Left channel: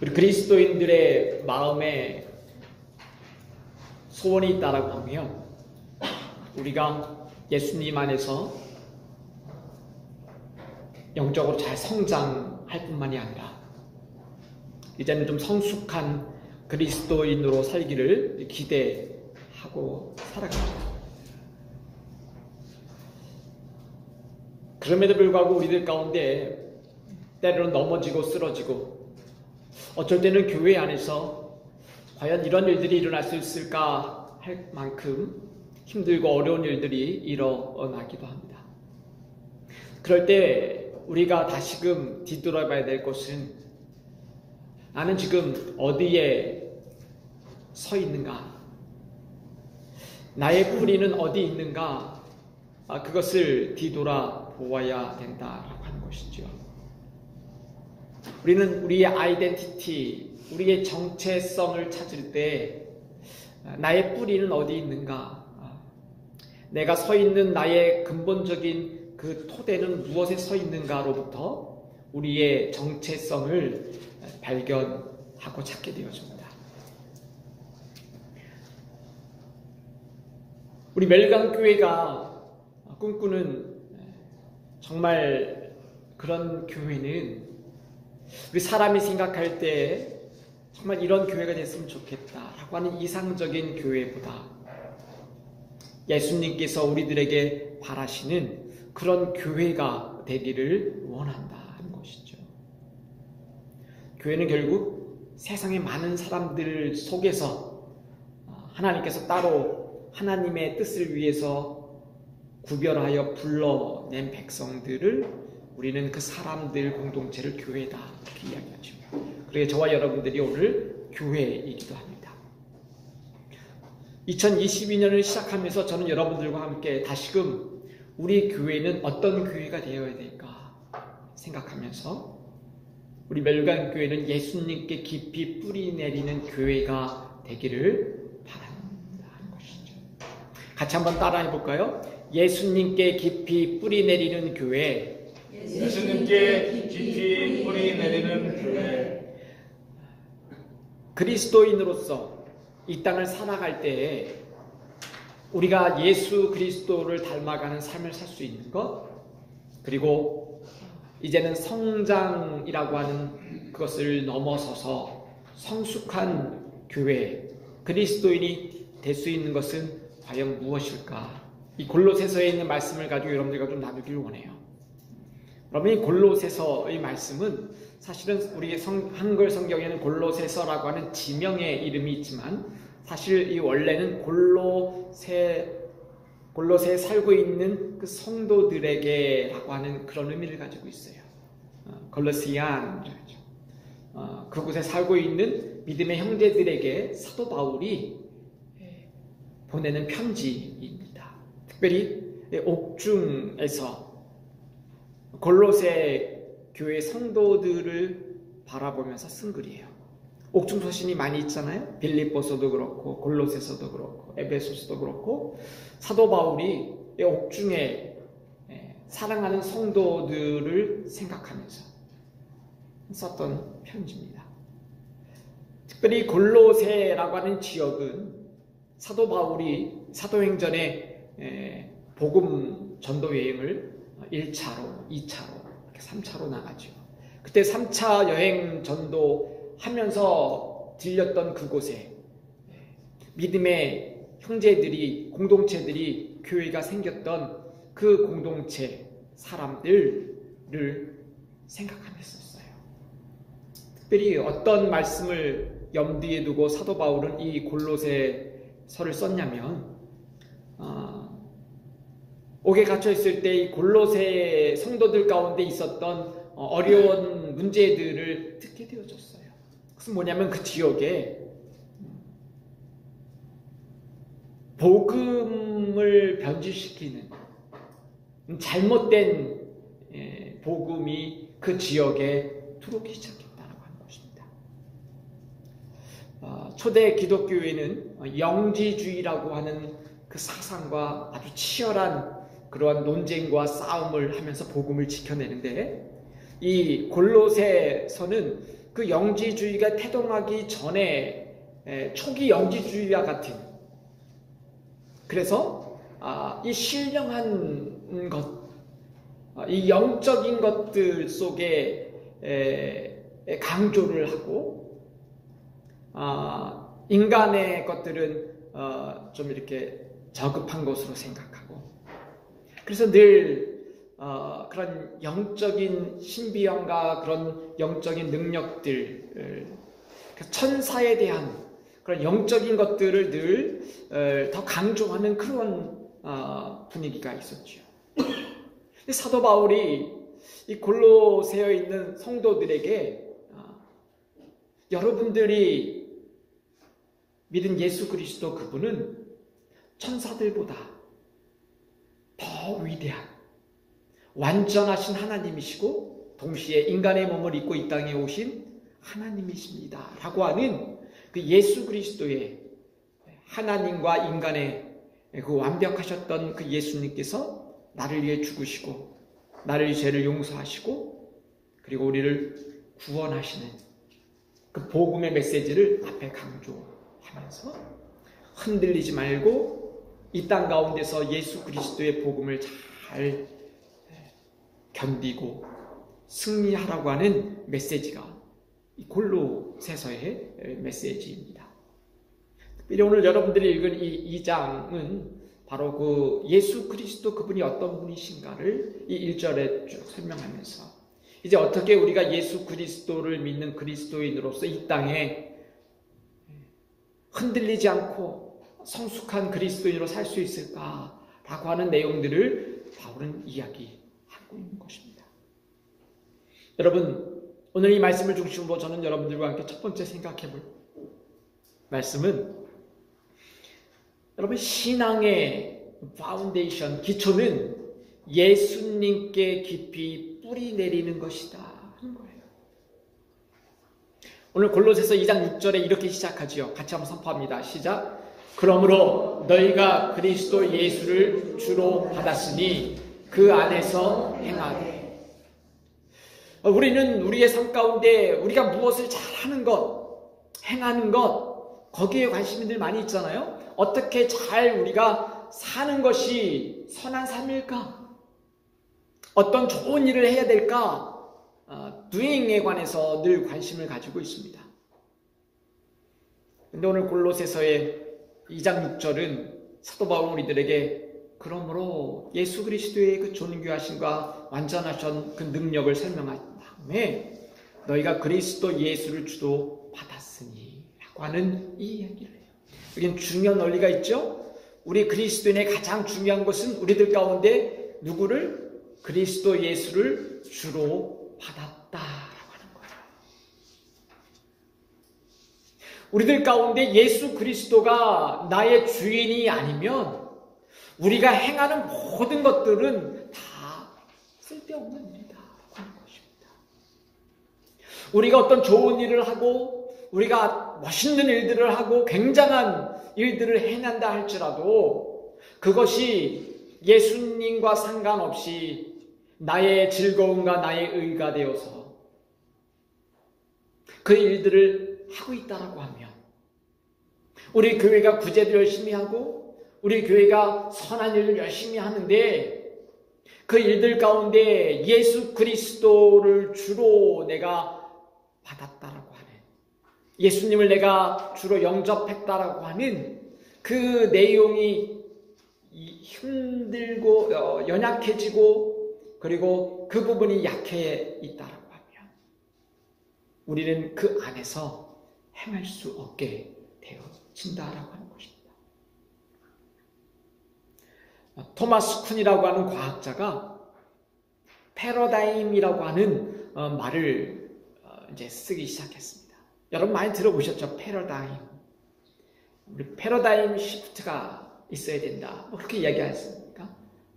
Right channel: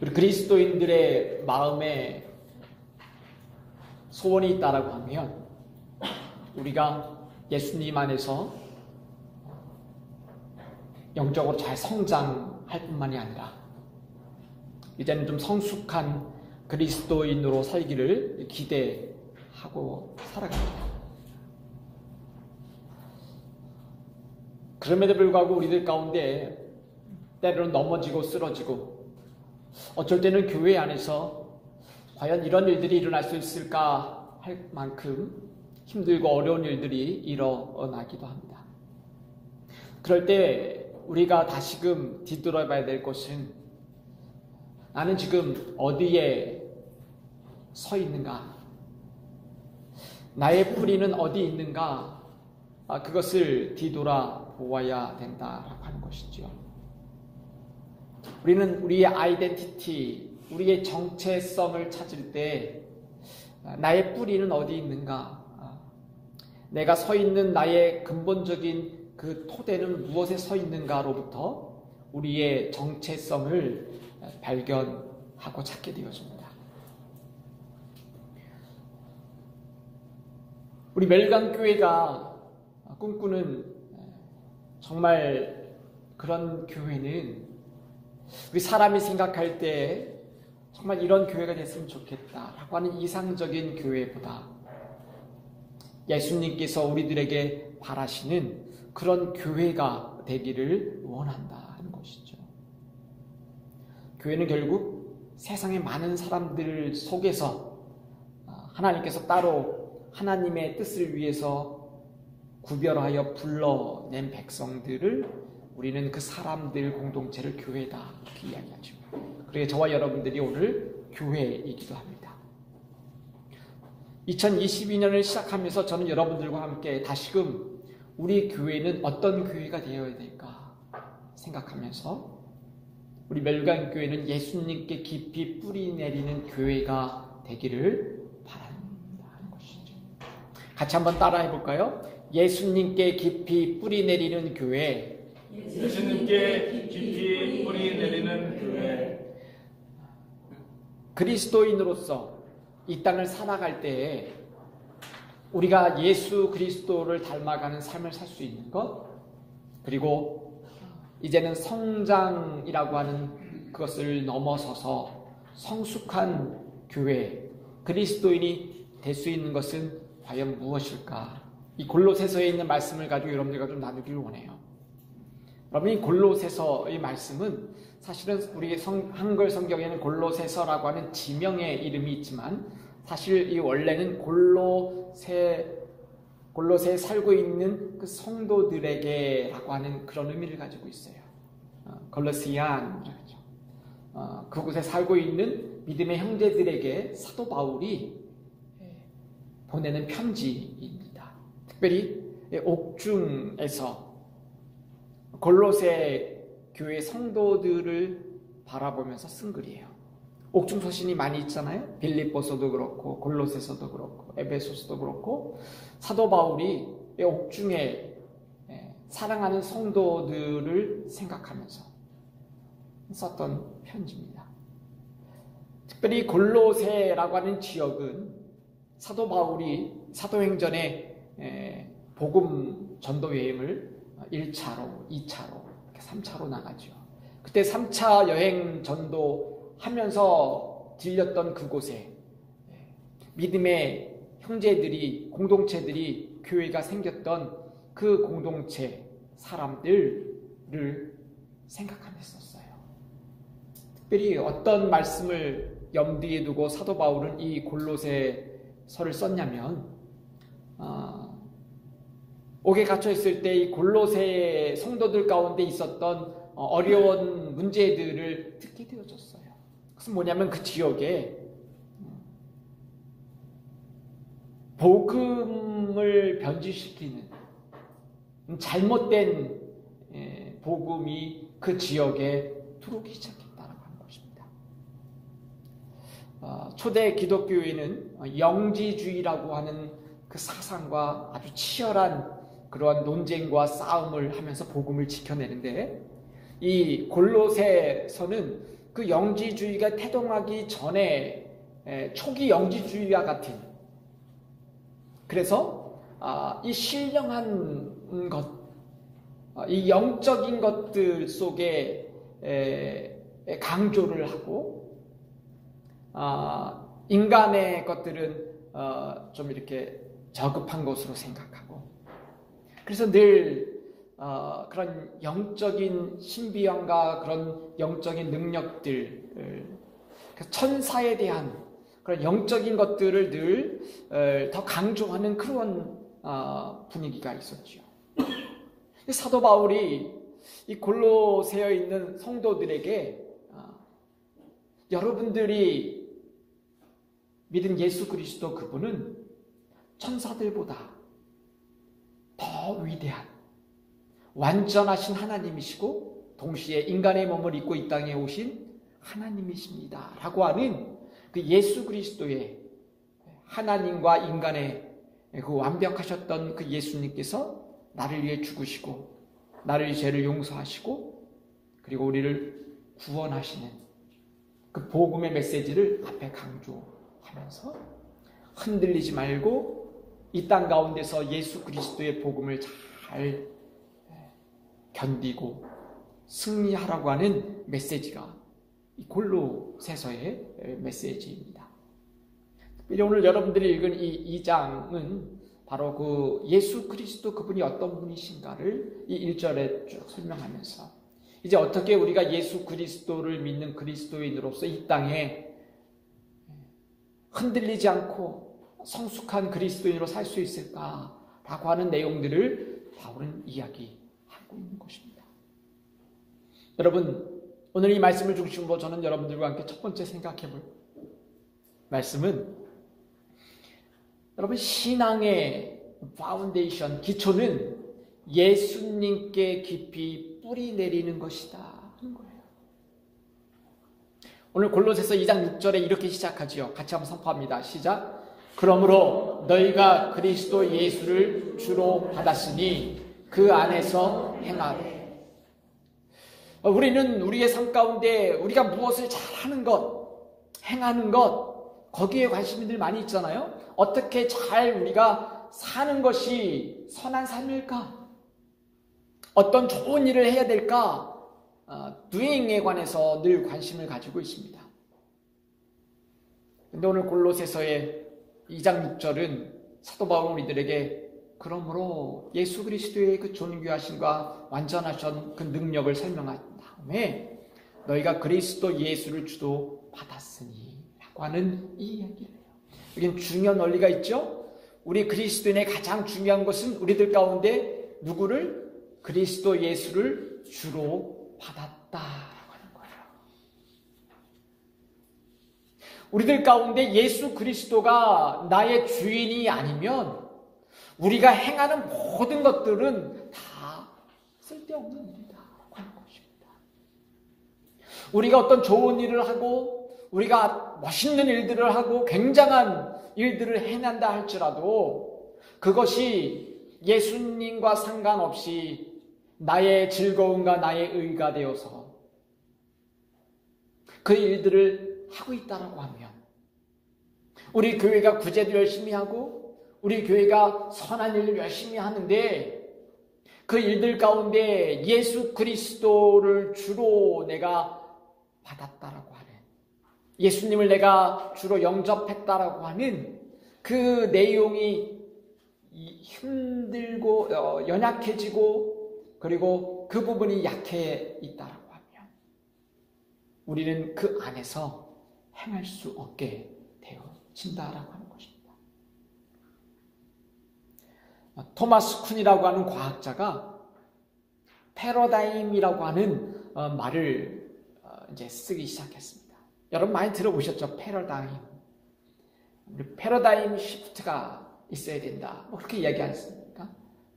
우리 그리스도인들의 마음에 소원이 있다라고 하면 우리가 예수님 안에서 영적으로 잘 성장할 뿐만이 아니라 이제는 좀 성숙한 그리스도인으로 살기를 기대하고 살아갑니다. 그럼에도 불구하고 우리들 가운데 때로는 넘어지고 쓰러지고 어쩔 때는 교회 안에서 과연 이런 일들이 일어날 수 있을까 할 만큼 힘들고 어려운 일들이 일어나기도 합니다. 그럴 때 우리가 다시금 뒤돌아봐야 될 것은 나는 지금 어디에 서 있는가? 나의 뿌리는 어디 있는가? 그것을 뒤돌아보아야 된다라고 하는 것이죠. 우리는 우리의 아이덴티티, 우리의 정체성을 찾을 때 나의 뿌리는 어디 있는가? 내가 서 있는 나의 근본적인 그 토대는 무엇에 서 있는가로부터 우리의 정체성을 발견하고 찾게 되어집니다. 우리 멜강교회가 꿈꾸는 정말 그런 교회는 우리 사람이 생각할 때 정말 이런 교회가 됐으면 좋겠다라고 하는 이상적인 교회보다 예수님께서 우리들에게 바라시는 그런 교회가 되기를 원한다 하는 것이죠. 교회는 결국 세상의 많은 사람들 속에서 하나님께서 따로 하나님의 뜻을 위해서 구별하여 불러낸 백성들을 우리는 그 사람들 공동체를 교회다 이렇게 이야기하죠. 그래서 저와 여러분들이 오늘 교회이기도 합니다. 2022년을 시작하면서 저는 여러분들과 함께 다시금 우리 교회는 어떤 교회가 되어야 될까 생각하면서 우리 멜강교회는 예수님께 깊이 뿌리 내리는 교회가 되기를 바랍니다 하는 것이죠. 같이 한번 따라해 볼까요? 예수님께 깊이 뿌리 내리는 교회, 예수님께 깊이 뿌리 내리는 교회. 그리스도인으로서 이 땅을 살아갈 때에 우리가 예수 그리스도를 닮아가는 삶을 살 수 있는 것, 그리고 이제는 성장이라고 하는 그것을 넘어서서 성숙한 교회, 그리스도인이 될 수 있는 것은 과연 무엇일까? 이 골로새서에 있는 말씀을 가지고 여러분들과 좀 나누기를 원해요. 여러분, 이 골로새서의 말씀은 사실은 우리 한글 성경에는 골로새서라고 하는 지명의 이름이 있지만 사실 이 원래는 골로새에 살고 있는 그 성도들에게라고 하는 그런 의미를 가지고 있어요. 골로시안이라죠. 그곳에 살고 있는 믿음의 형제들에게 사도 바울이 보내는 편지입니다. 특별히 옥중에서 골로새 교회 성도들을 바라보면서 쓴 글이에요. 옥중 서신이 많이 있잖아요. 빌립보서도 그렇고 골로새서도 그렇고 에베소서도 그렇고 사도 바울이 옥중에 사랑하는 성도들을 생각하면서 썼던 편지입니다. 특별히 골로새라고 하는 지역은 사도 바울이 사도행전에 복음 전도 여행을 1차로, 2차로, 3차로 나가죠. 그때 3차 여행 전도 하면서 들렸던 그곳에 믿음의 형제들이, 공동체들이, 교회가 생겼던 그 공동체 사람들을 생각하면서 썼어요. 특별히 어떤 말씀을 염두에 두고 사도 바울은 이 골로새서를 썼냐면 옥에 갇혀 있을 때 이 골로새 성도들 가운데 있었던 어려운 문제들을 듣게 되어졌어요. 그것은 뭐냐면 그 지역에 복음을 변질시키는 잘못된 복음이 그 지역에 들어오기 시작했다는 것입니다. 초대 기독교회는 영지주의라고 하는 그 사상과 아주 치열한 그러한 논쟁과 싸움을 하면서 복음을 지켜내는데 이 골로새서는 그 영지주의가 태동하기 전에 초기 영지주의와 같은, 그래서 이 신령한 것, 이 영적인 것들 속에 강조를 하고, 인간의 것들은 좀 이렇게 저급한 것으로 생각하고, 그래서 늘 그런 영적인 신비함과 그런 영적인 능력들, 천사에 대한 그런 영적인 것들을 늘 더 강조하는 그런 분위기가 있었죠. 사도 바울이 이 골로새에 있는 성도들에게 여러분들이 믿은 예수 그리스도 그분은 천사들보다 더 위대한 완전하신 하나님이시고 동시에 인간의 몸을 입고 이 땅에 오신 하나님이십니다 라고 하는 그 예수 그리스도의 하나님과 인간의 그 완벽하셨던 그 예수님께서 나를 위해 죽으시고 나를 죄를 용서하시고 그리고 우리를 구원하시는 그 복음의 메시지를 앞에 강조하면서 흔들리지 말고 이 땅 가운데서 예수 그리스도의 복음을 잘 견디고 승리하라고 하는 메시지가 이 골로새서의 메시지입니다. 특별히 오늘 여러분들이 읽은 이 2장은 바로 그 예수 그리스도 그분이 어떤 분이신가를 이 1절에 쭉 설명하면서 이제 어떻게 우리가 예수 그리스도를 믿는 그리스도인으로서 이 땅에 흔들리지 않고 성숙한 그리스도인으로 살 수 있을까라고 하는 내용들을 바울은 이야기하고 있는 것입니다. 여러분, 오늘 이 말씀을 중심으로 저는 여러분들과 함께 첫 번째 생각해 볼 말씀은 여러분, 신앙의 파운데이션, 기초는 예수님께 깊이 뿌리 내리는 것이다 하는 거예요. 오늘 골로새서 2장 6절에 이렇게 시작하지요. 같이 한번 선포합니다. 시작. 그러므로 너희가 그리스도 예수를 주로 받았으니 그 안에서 행하되. 우리는 우리의 삶 가운데 우리가 무엇을 잘하는 것, 행하는 것, 거기에 관심이 늘 많이 있잖아요. 어떻게 잘 우리가 사는 것이 선한 삶일까? 어떤 좋은 일을 해야 될까? doing에 관해서 늘 관심을 가지고 있습니다. 근데 오늘 골로새서의 2장 6절은 사도 바울 우리들에게 그러므로 예수 그리스도의 그 존귀하심과 완전하신 그 능력을 설명한 다음에 너희가 그리스도 예수를 주도 받았으니 라고 하는 이 이야기를 해요. 여기는 중요한 원리가 있죠. 우리 그리스도인의 가장 중요한 것은 우리들 가운데 누구를? 그리스도 예수를 주로 받았다라고 하는 거예요. 우리들 가운데 예수 그리스도가 나의 주인이 아니면 우리가 행하는 모든 것들은 다 쓸데없는 일이다라고 하는 것입니다. 우리가 어떤 좋은 일을 하고 우리가 멋있는 일들을 하고 굉장한 일들을 해낸다 할지라도 그것이 예수님과 상관없이 나의 즐거움과 나의 의가 되어서 그 일들을 하고 있다라고 하면 우리 교회가 구제도 열심히 하고 우리 교회가 선한 일을 열심히 하는데 그 일들 가운데 예수 그리스도를 주로 내가 받았다라고 하는 예수님을 내가 주로 영접했다라고 하는 그 내용이 힘들고 연약해지고 그리고 그 부분이 약해 있다라고 하면 우리는 그 안에서 행할 수 없게 되어진다라고 하는 것입니다. 토마스 쿤이라고 하는 과학자가 패러다임이라고 하는 말을 이제 쓰기 시작했습니다. 여러분 많이 들어보셨죠? 패러다임. 우리 패러다임 시프트가 있어야 된다. 뭐 그렇게 이야기하셨습니까?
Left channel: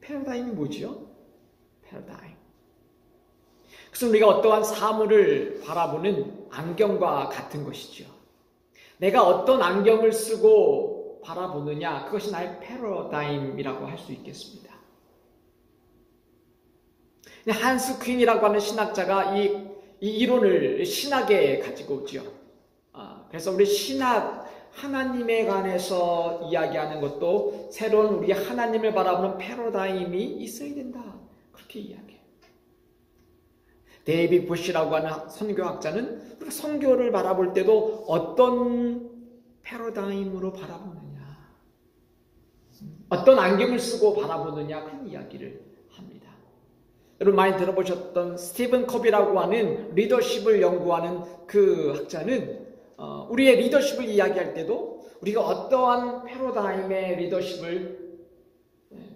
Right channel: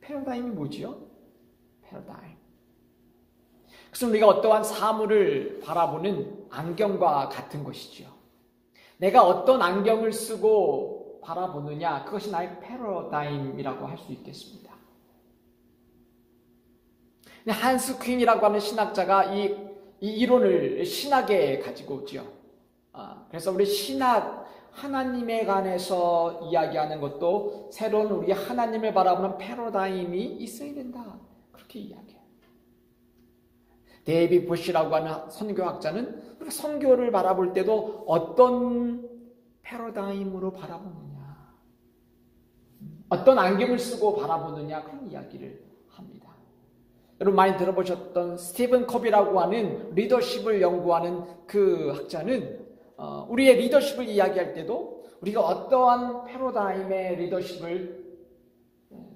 패러다임이 뭐지요? 패러다임. 그래서 우리가 어떠한 사물을 바라보는 안경과 같은 것이죠. 내가 어떤 안경을 쓰고 바라보느냐, 그것이 나의 패러다임이라고 할 수 있겠습니다. 한스 퀸이라고 하는 신학자가 이 이론을 신학에 가지고 오지요. 그래서 우리 신학, 하나님에 관해서 이야기하는 것도 새로운 우리 하나님을 바라보는 패러다임이 있어야 된다. 그렇게 이야기해요. 데이비드 부시라고 하는 선교학자는 우리가 선교를 바라볼 때도 어떤 패러다임으로 바라보느냐, 어떤 안경을 쓰고 바라보느냐, 그런 이야기를 합니다. 여러분 많이 들어보셨던 스티븐 컵이라고 하는 리더십을 연구하는 그 학자는 우리의 리더십을 이야기할 때도 우리가 어떠한 패러다임의 리더십을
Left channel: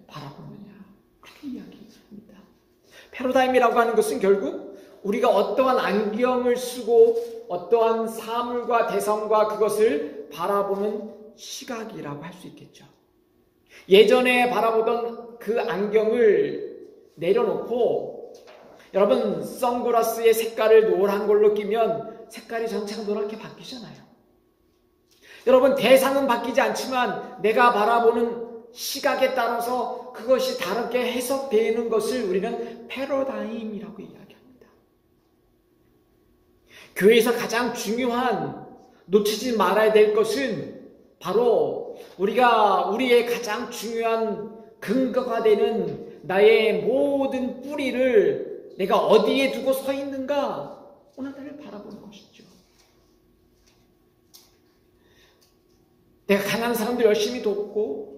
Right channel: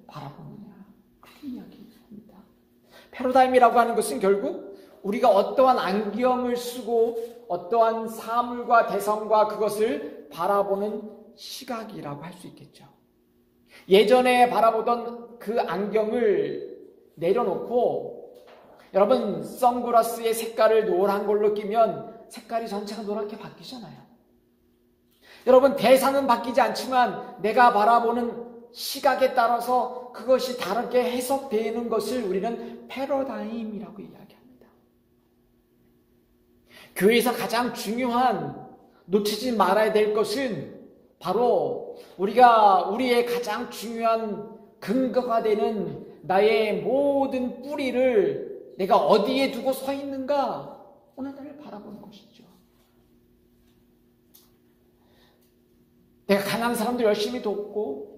바라보느냐, 그렇게 이야기합니다. 패러다임이라고 하는 것은 결국 우리가 어떠한 안경을 쓰고 어떠한 사물과 대상과 그것을 바라보는 시각이라고 할 수 있겠죠. 예전에 바라보던 그 안경을 내려놓고 여러분 선글라스의 색깔을 노란 걸로 끼면 색깔이 전체가 노랗게 바뀌잖아요. 여러분 대상은 바뀌지 않지만 내가 바라보는 시각에 따라서 그것이 다르게 해석되는 것을 우리는 패러다임이라고 이야기합니다. 교회에서 가장 중요한 놓치지 말아야 될 것은 바로 우리의 가장 중요한 근거가 되는 나의 모든 뿌리를 내가 어디에 두고 서 있는가, 오늘을 바라보는 것이죠. 내가 가난한 사람들 열심히 돕고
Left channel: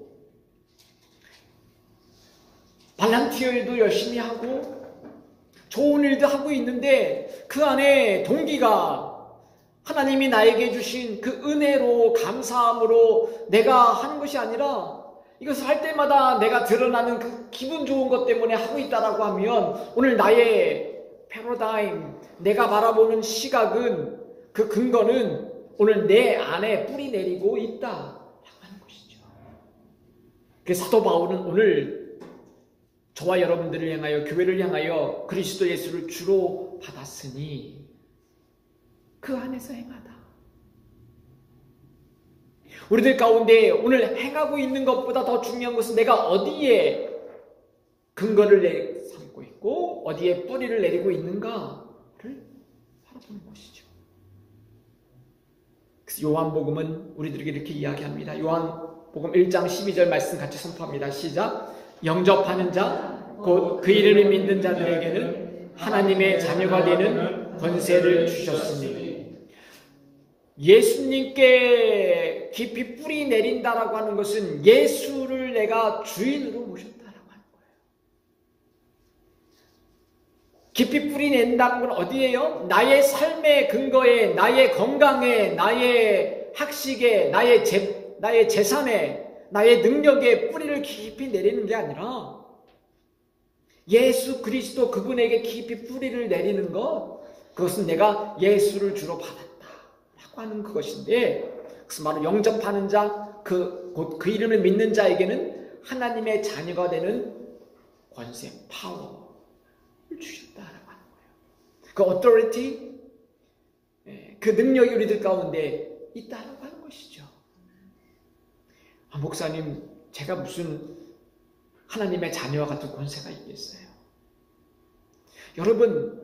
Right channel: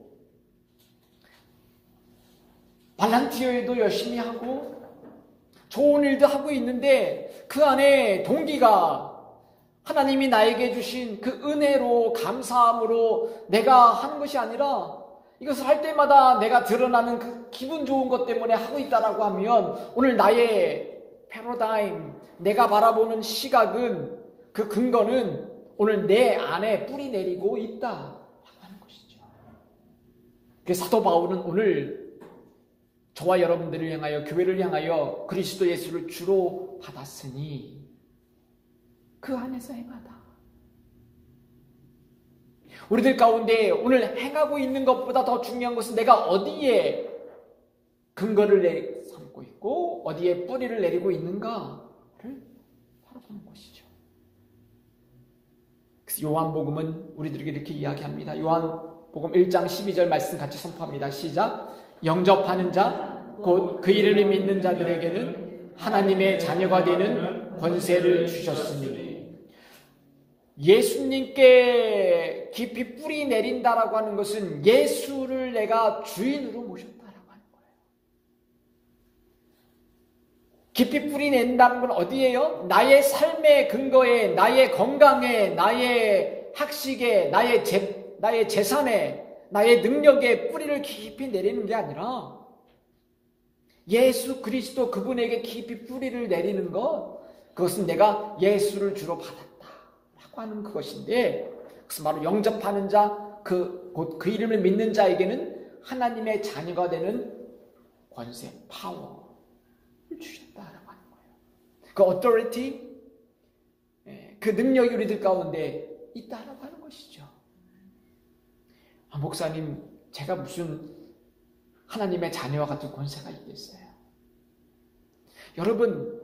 발란티어에도 열심히 하고 좋은 일도 하고 있는데 그 안에 동기가 하나님이 나에게 주신 그 은혜로 감사함으로 내가 하는 것이 아니라 이것을 할 때마다 내가 드러나는 그 기분 좋은 것 때문에 하고 있다라고 하면 오늘 나의 패러다임, 내가 바라보는 시각은, 그 근거는 오늘 내 안에 뿌리 내리고 있다라고 하는 것이죠. 그래서 사도 바울은 오늘 저와 여러분들을 향하여, 교회를 향하여 그리스도 예수를 주로 받았으니 그 안에서 행하다. 우리들 가운데 오늘 행하고 있는 것보다 더 중요한 것은 내가 어디에 근거를 삼고 있고 어디에 뿌리를 내리고 있는가를 바라보는 것이죠. 그래서 요한복음은 우리들에게 이렇게 이야기합니다. 요한복음 1장 12절 말씀 같이 선포합니다. 시작. 영접하는 자 곧 그 이름을 믿는 자들에게는 하나님의 자녀가 되는 권세를 주셨으니, 예수님께 깊이 뿌리 내린다라고 하는 것은 예수를 내가 주인으로 모셨다라고 하는 거예요. 깊이 뿌리 낸다는 건 어디예요? 나의 삶의 근거에, 나의 건강에, 나의 학식에, 나의 재산에, 나의 능력에 뿌리를 깊이 내리는 게 아니라 예수 그리스도 그분에게 깊이 뿌리를 내리는 것, 그것은 내가 예수를 주로 받았다라고 하는 그것인데, 그래서 바로 영접하는 자, 곧 그 이름을 믿는 자에게는 하나님의 자녀가 되는 권세, 파워를 주셨다라고 하는 거예요. 그 authority, 그 능력이 우리들 가운데 있다라고 하는 것이죠. 목사님, 제가 무슨 하나님의 자녀와 같은 권세가 있겠어요? 여러분,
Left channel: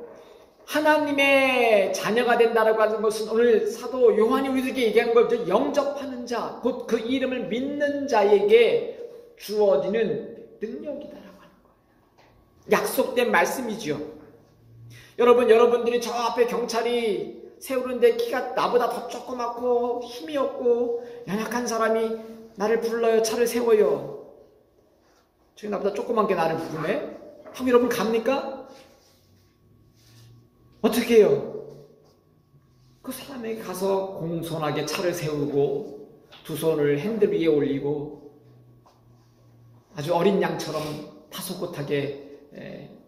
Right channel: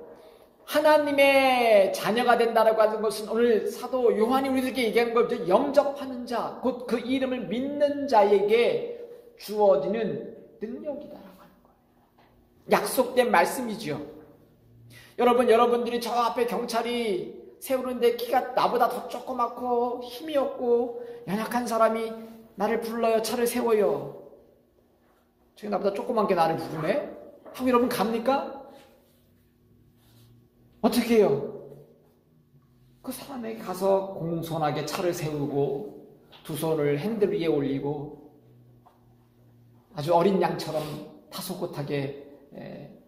하나님의 자녀가 된다라고 하는 것은 오늘 사도 요한이 우리들에게 얘기한 거죠. 영접하는 자, 곧 그 이름을 믿는 자에게 주어지는 능력이다라고 하는 거예요. 약속된 말씀이지요. 여러분들이 저 앞에 경찰이 세우는데 키가 나보다 더 조그맣고 힘이 없고 연약한 사람이 나를 불러요. 차를 세워요. 저기 나보다 조그만 게 나를 부르네? 하고 여러분 갑니까? 어떻게 해요? 그 사람에게 가서 공손하게 차를 세우고 두 손을 핸들 위에 올리고 아주 어린 양처럼 타소곳하게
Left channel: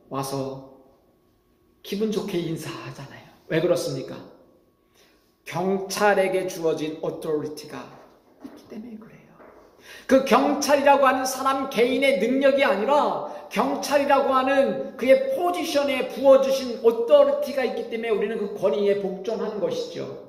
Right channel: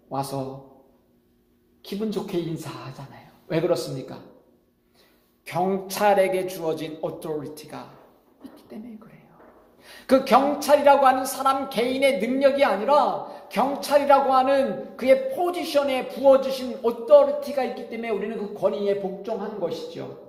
와서 기분 좋게 인사하잖아요. 왜 그렇습니까? 경찰에게 주어진 authority가 있기 때문에 그래요. 그 경찰이라고 하는 사람 개인의 능력이 아니라 경찰이라고 하는 그의 포지션에 부어주신 authority가 있기 때문에 우리는 그 권위에 복종하는 것이죠.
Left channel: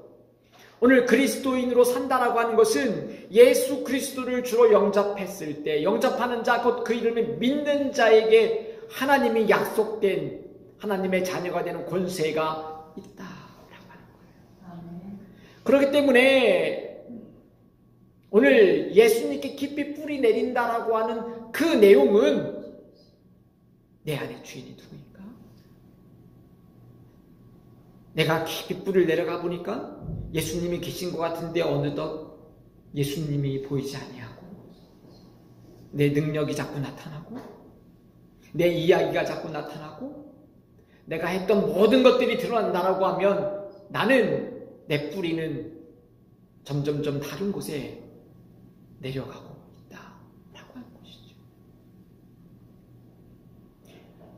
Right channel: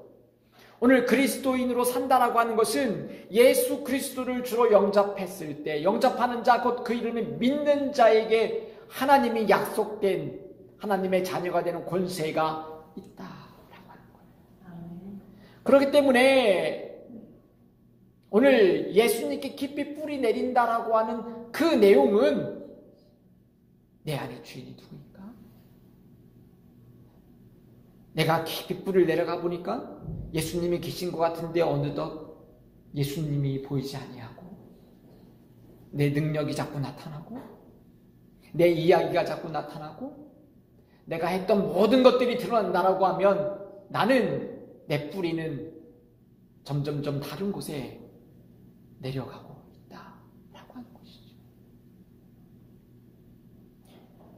오늘 그리스도인으로 산다라고 하는 것은 예수 그리스도를 주로 영접했을 때, 영접하는 자, 곧 그 이름을 믿는 자에게 하나님이 약속된 하나님의 자녀가 되는 권세가 있다라고 하는 거예요. 그렇기 때문에 오늘 예수님께 깊이 뿌리 내린다라고 하는 그 내용은 내 안에 주인이 누구인가? 내가 깊이 뿌리를 내려가 보니까 예수님이 계신 것 같은데 어느덧 예수님이 보이지 아니하고 내 능력이 자꾸 나타나고 내 이야기가 자꾸 나타나고 내가 했던 모든 것들이 드러난다라고 하면 나는 내 뿌리는 점점점 다른 곳에 내려가고 있다라고 하는 것이죠.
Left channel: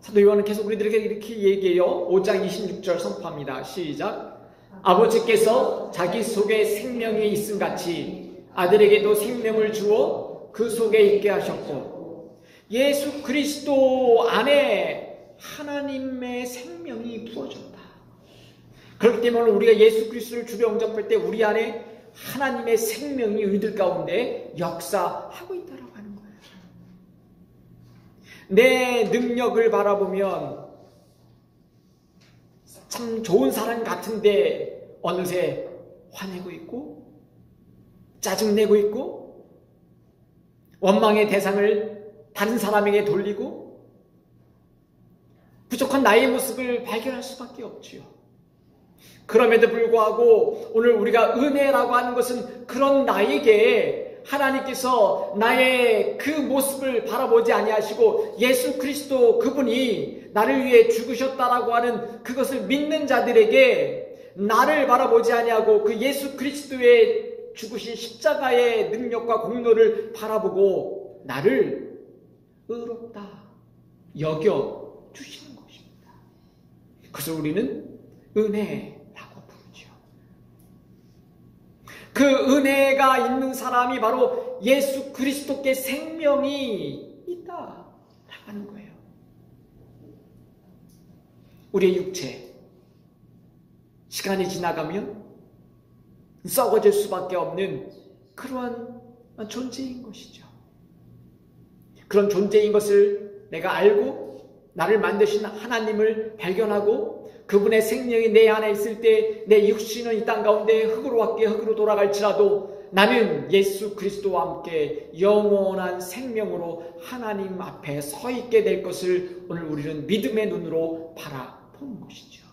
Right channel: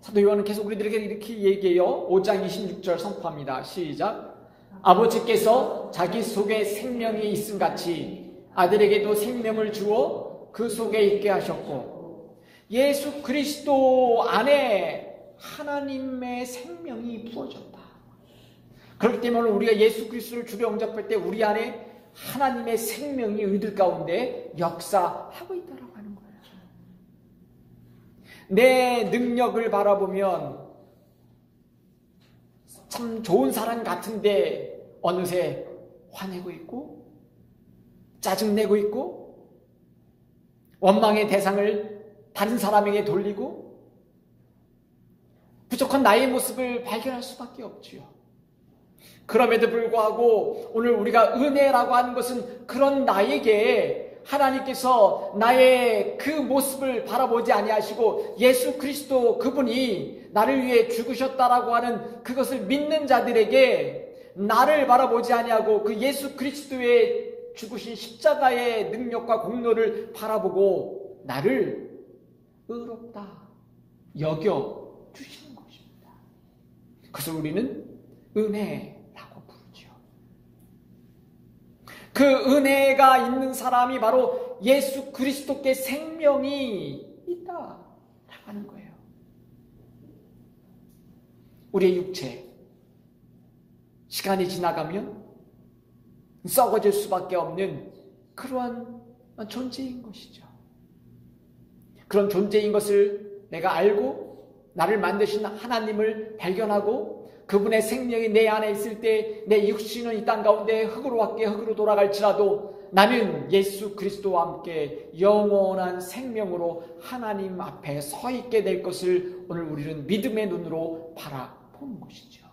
사도 요한은 계속 우리들에게 이렇게 얘기해요. 5장 26절 선포합니다. 시작. 아버지께서 자기 속에 생명이 있음같이 아들에게도 생명을 주어 그 속에 있게 하셨고, 예수 그리스도 안에 하나님의 생명이 부어졌다. 그렇기 때문에 우리가 예수 그리스도를 주로 영접할 때 우리 안에 하나님의 생명이 우리들 가운데 역사하고 있다고 하는 거예요. 내 능력을 바라보면 참 좋은 사람 같은데 어느새 화내고 있고 짜증내고 있고 원망의 대상을 다른 사람에게 돌리고 부족한 나의 모습을 발견할 수밖에 없지요. 그럼에도 불구하고 오늘 우리가 은혜라고 하는 것은 그런 나에게 하나님께서 나의 그 모습을 바라보지 아니하시고 예수 그리스도 그분이 나를 위해 죽으셨다라고 하는 그것을 믿는 자들에게 나를 바라보지 아니하고 그 예수 그리스도의 죽으신 십자가의 능력과 공로를 바라보고 나를 의롭다 여겨 주시는 것입니다. 그래서 우리는 은혜라고 부르죠. 그 은혜가 있는 사람이 바로 예수 그리스도께 생명이 있다라고 하는 거예요. 우리의 육체 시간이 지나가면 썩어질 수밖에 없는 그러한 존재인 것이죠. 그런 존재인 것을 내가 알고 나를 만드신 하나님을 발견하고 그분의 생명이 내 안에 있을 때 내 육신은 이 땅 가운데 흙으로 왔기에 흙으로 돌아갈지라도 나는 예수 그리스도와 함께 영원한 생명으로 하나님 앞에 서 있게 될 것을 오늘 우리는 믿음의 눈으로 바라보는 것이죠.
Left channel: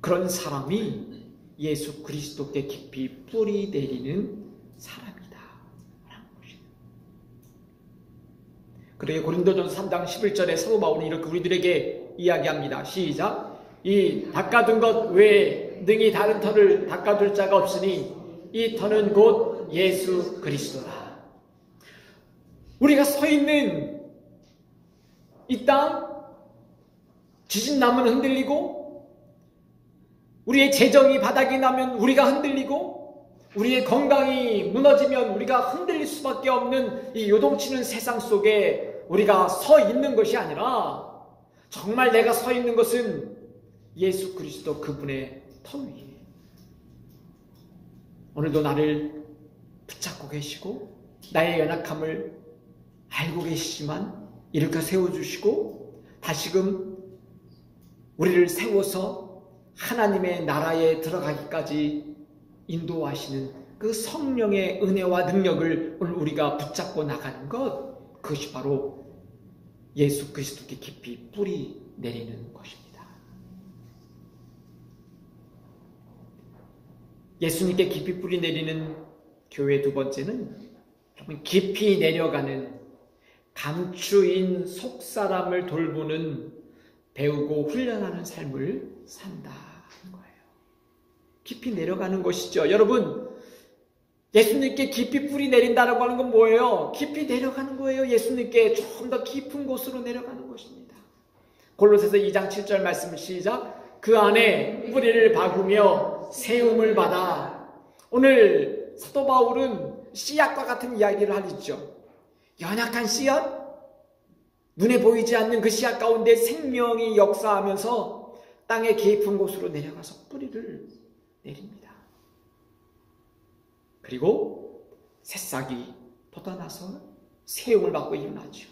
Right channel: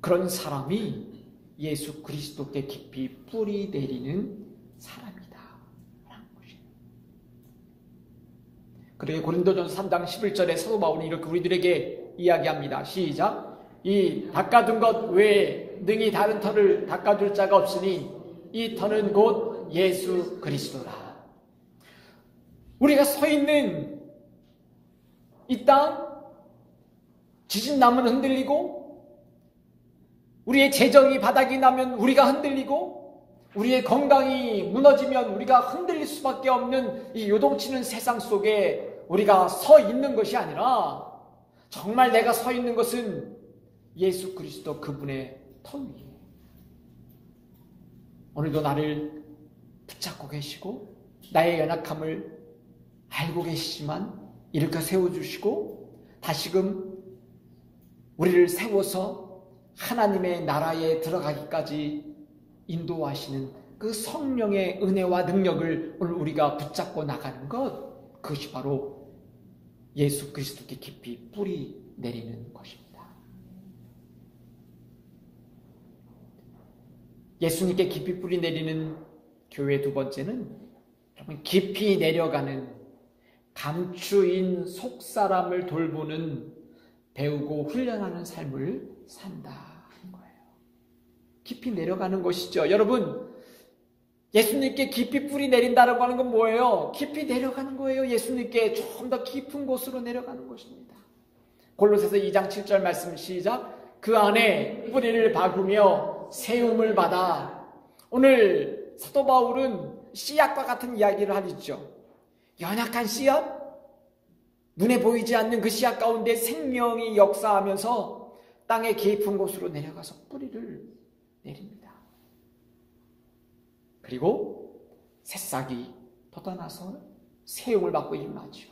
그런 사람이 예수 그리스도께 깊이 뿌리 내리는 사람이다 라는 것입니다. 그래서 고린도전서 3장 11절에 사도 바울이 이렇게 우리들에게 이야기합니다. 시작. 이 닦아둔 것 외에 능히 다른 터를 닦아둘 자가 없으니 이 터는 곧 예수 그리스도다. 우리가 서 있는 이 땅, 지진 나면 흔들리고 우리의 재정이 바닥이 나면 우리가 흔들리고 우리의 건강이 무너지면 우리가 흔들릴 수밖에 없는 이 요동치는 세상 속에 우리가 서 있는 것이 아니라 정말 내가 서 있는 것은 예수 그리스도 그분의 터 위에 오늘도 나를 붙잡고 계시고 나의 연약함을 알고 계시지만 이렇게 세워주시고 다시금 우리를 세워서 하나님의 나라에 들어가기까지 인도하시는 그 성령의 은혜와 능력을 오늘 우리가 붙잡고 나가는 것, 그것이 바로 예수 그리스도께 깊이 뿌리 내리는 것입니다. 예수님께 깊이 뿌리 내리는 교회 두 번째는 깊이 내려가는 감추인 속사람을 돌보는 배우고 훈련하는 삶을 산다 하는 거예요. 깊이 내려가는 것이죠. 여러분, 예수님께 깊이 뿌리 내린다라고 하는 건 뭐예요? 깊이 내려가는 거예요. 예수님께 좀 더 깊은 곳으로 내려가는 것입니다. 골로새서 2장 7절 말씀 시작. 그 안에 뿌리를 박으며 세움을 받아. 오늘 사도 바울은 씨앗과 같은 이야기를 하죠. 연약한 씨앗, 눈에 보이지 않는 그 씨앗 가운데 생명이 역사하면서 땅의 깊은 곳으로 내려가서 뿌리를 내립니다. 그리고 새싹이 돋아나서 세움을 받고 일어나죠.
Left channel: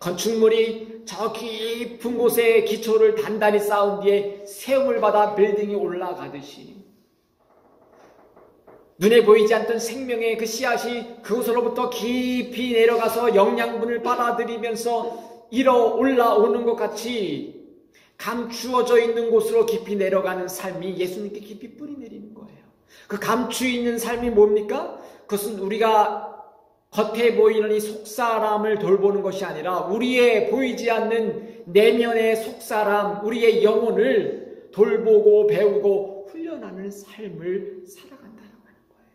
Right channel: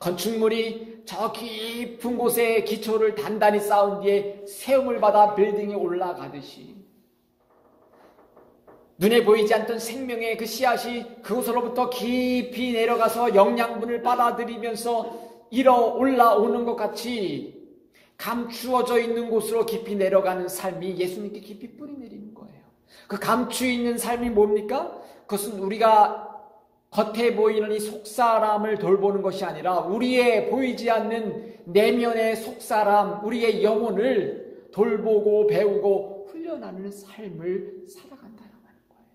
건축물이 저 깊은 곳에 기초를 단단히 쌓은 뒤에 세움을 받아 빌딩이 올라가듯이 눈에 보이지 않던 생명의 그 씨앗이 그곳으로부터 깊이 내려가서 영양분을 빨아들이면서 일어 올라오는 것 같이 감추어져 있는 곳으로 깊이 내려가는 삶이 예수님께 깊이 뿌리 내리는 거예요. 그 감추어 있는 삶이 뭡니까? 그것은 우리가 겉에 보이는 이 속사람을 돌보는 것이 아니라 우리의 보이지 않는 내면의 속사람, 우리의 영혼을 돌보고 배우고 훈련하는 삶을 살아간다는 거예요.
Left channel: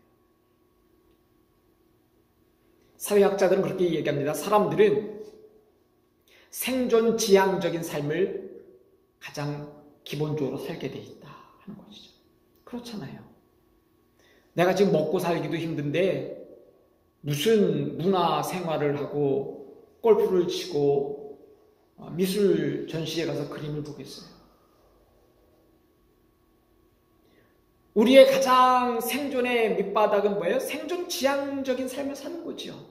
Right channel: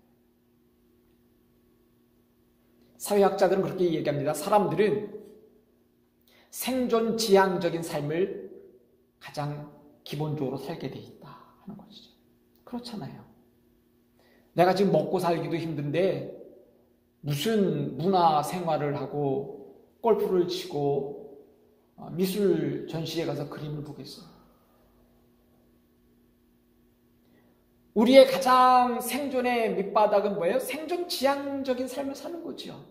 사회학자들은 그렇게 얘기합니다. 사람들은 생존 지향적인 삶을 가장 기본적으로 살게 돼 있다 하는 것이죠. 그렇잖아요. 내가 지금 먹고 살기도 힘든데 무슨 문화 생활을 하고 골프를 치고 미술 전시회 가서 그림을 보겠어요. 우리의 가장 생존의 밑바닥은 뭐예요? 생존 지향적인 삶을 사는 거죠.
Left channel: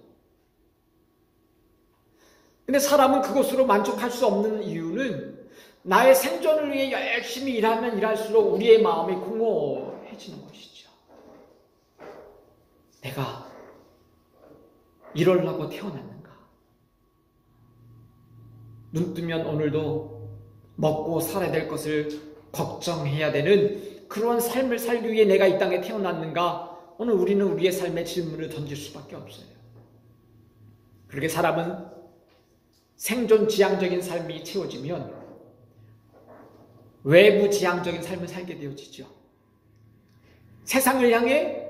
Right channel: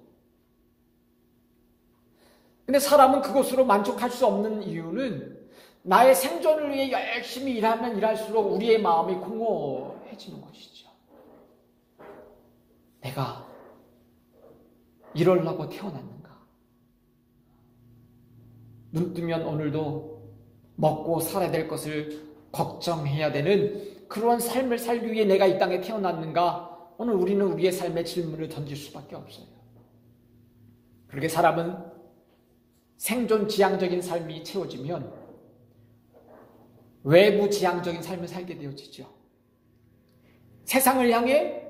근데 사람은 그것으로 만족할 수 없는 이유는 나의 생존을 위해 열심히 일하면 일할수록 우리의 마음이 공허해지는 것이죠. 내가 이러려고 태어났는가? 눈 뜨면 오늘도 먹고 살아야 될 것을 걱정해야 되는 그런 삶을 살기 위해 내가 이 땅에 태어났는가? 오늘 우리는 우리의 삶에 질문을 던질 수밖에 없어요. 그렇게 사람은 생존 지향적인 삶이 채워지면 외부 지향적인 삶을 살게 되어지죠. 세상을 향해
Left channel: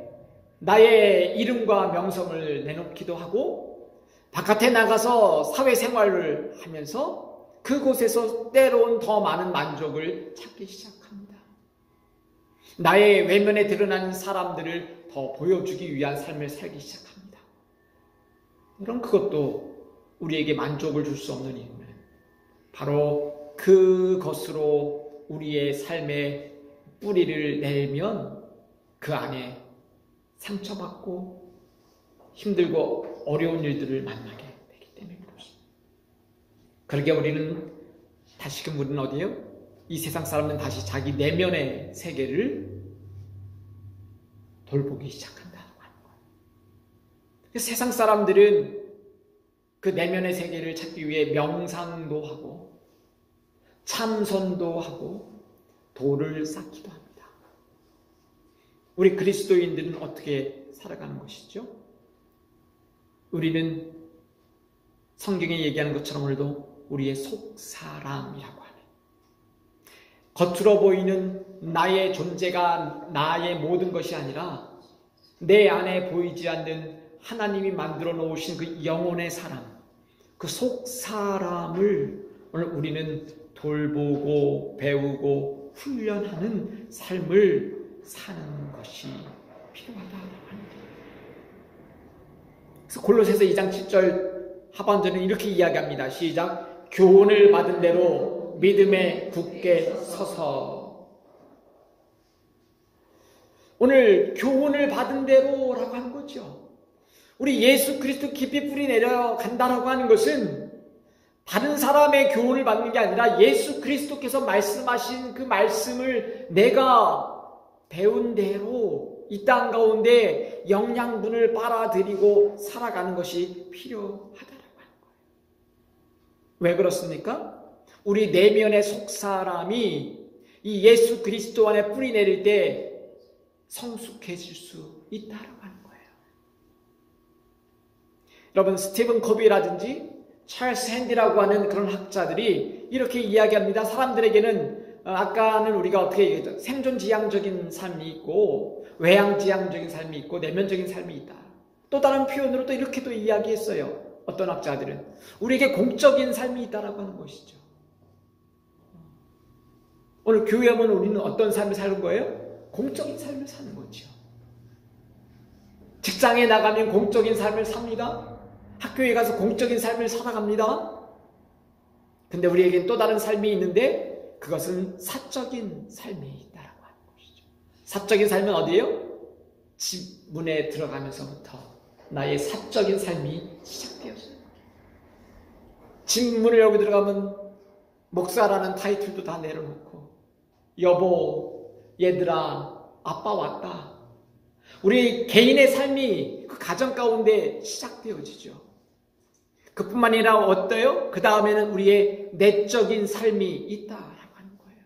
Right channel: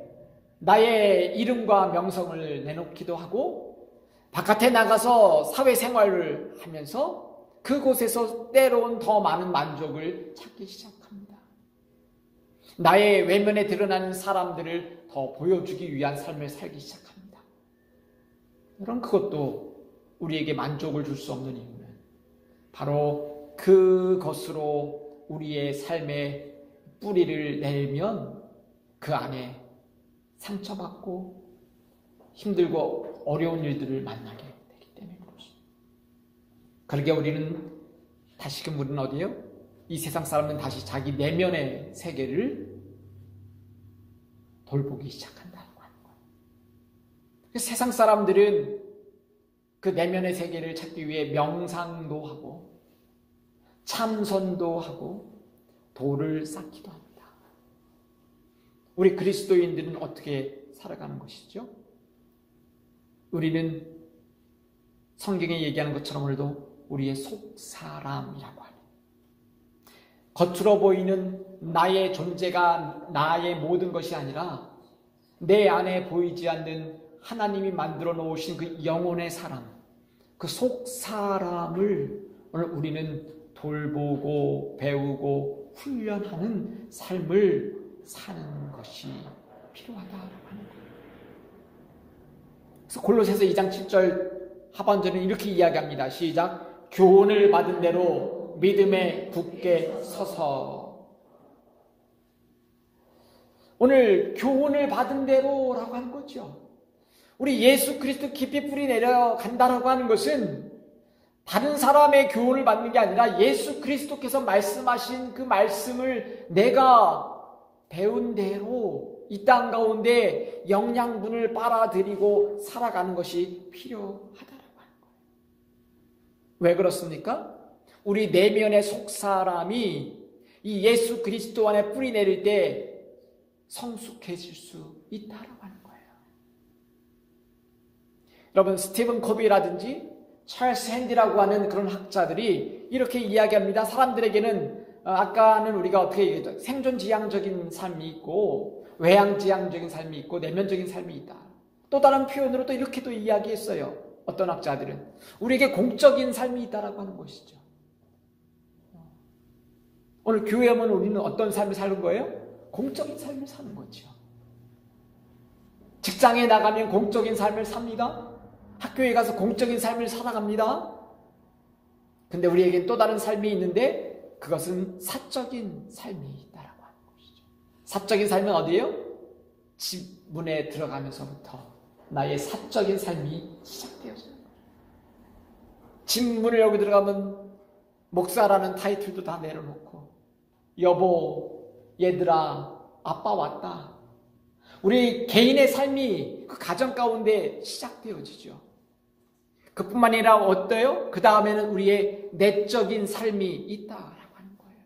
나의 이름과 명성을 내놓기도 하고 바깥에 나가서 사회생활을 하면서 그곳에서 때로는 더 많은 만족을 찾기 시작합니다. 나의 외면에 드러나는 사람들을 더 보여주기 위한 삶을 살기 시작합니다. 그럼 그것도 우리에게 만족을 줄 수 없는 이유는 바로 그것으로 우리의 삶에 뿌리를 내면 그 안에 상처받고 힘들고 어려운 일들을 만나게 되기 때문에 그렇습니다. 그러게 우리는 다시금 우리는 어디요? 이 세상 사람은 다시 자기 내면의 세계를 돌보기 시작한다는 거예요. 세상 사람들은 그 내면의 세계를 찾기 위해 명상도 하고 참선도 하고 도를 쌓기도 합니다. 우리 그리스도인들은 어떻게 살아가는 것이죠? 우리는 성경에 얘기하는 것처럼 오늘도 우리의 속사람이라고 하는 겉으로 보이는 나의 존재가 나의 모든 것이 아니라 내 안에 보이지 않는 하나님이 만들어 놓으신 그 영혼의 사람, 그 속사람을 오늘 우리는 돌보고 배우고 훈련하는 삶을 사는 것이 필요하다고 합니다. 그래서 골로새서 2장 7절 하반절은 이렇게 이야기합니다. 시작. 교훈을 받은 대로 믿음에 굳게 서서. 오늘 교훈을 받은 대로라고 하는 거죠. 우리 예수 그리스도 깊이 뿌리 내려간다라고 하는 것은 다른 사람의 교훈을 받는 게 아니라 예수 그리스도께서 말씀하신 그 말씀을 내가 배운 대로 이 땅 가운데 영양분을 빨아들이고 살아가는 것이 필요하다라고 하는 거예요. 왜 그렇습니까? 우리 내면의 속사람이 이 예수 그리스도 안에 뿌리 내릴 때 성숙해질 수 있다라고 하는 거예요. 여러분 스티븐 코비라든지 찰스 핸디라고 하는 그런 학자들이 이렇게 이야기합니다. 사람들에게는 아까는 우리가 어떻게 얘기했죠? 생존지향적인 삶이 있고 외향지향적인 삶이 있고 내면적인 삶이 있다. 또 다른 표현으로 또 이렇게도 이야기했어요. 어떤 학자들은 우리에게 공적인 삶이 있다라고 하는 것이죠. 오늘 교회 오면 우리는 어떤 삶을 사는 거예요? 공적인 삶을 사는 거죠. 직장에 나가면 공적인 삶을 삽니다. 학교에 가서 공적인 삶을 살아갑니다. 근데 우리에게 또 다른 삶이 있는데 그것은 사적인 삶이 있다라고 하는 것이죠. 사적인 삶은 어디예요? 집 문에 들어가면서부터 나의 사적인 삶이 시작되었습니다. 집 문을 열고 들어가면 목사라는 타이틀도 다 내려놓고 여보, 얘들아, 아빠 왔다. 우리 개인의 삶이 그 가정 가운데 시작되어지죠. 그뿐만 아니라 어때요? 그 다음에는 우리의 내적인 삶이 있다라고 하는 거예요.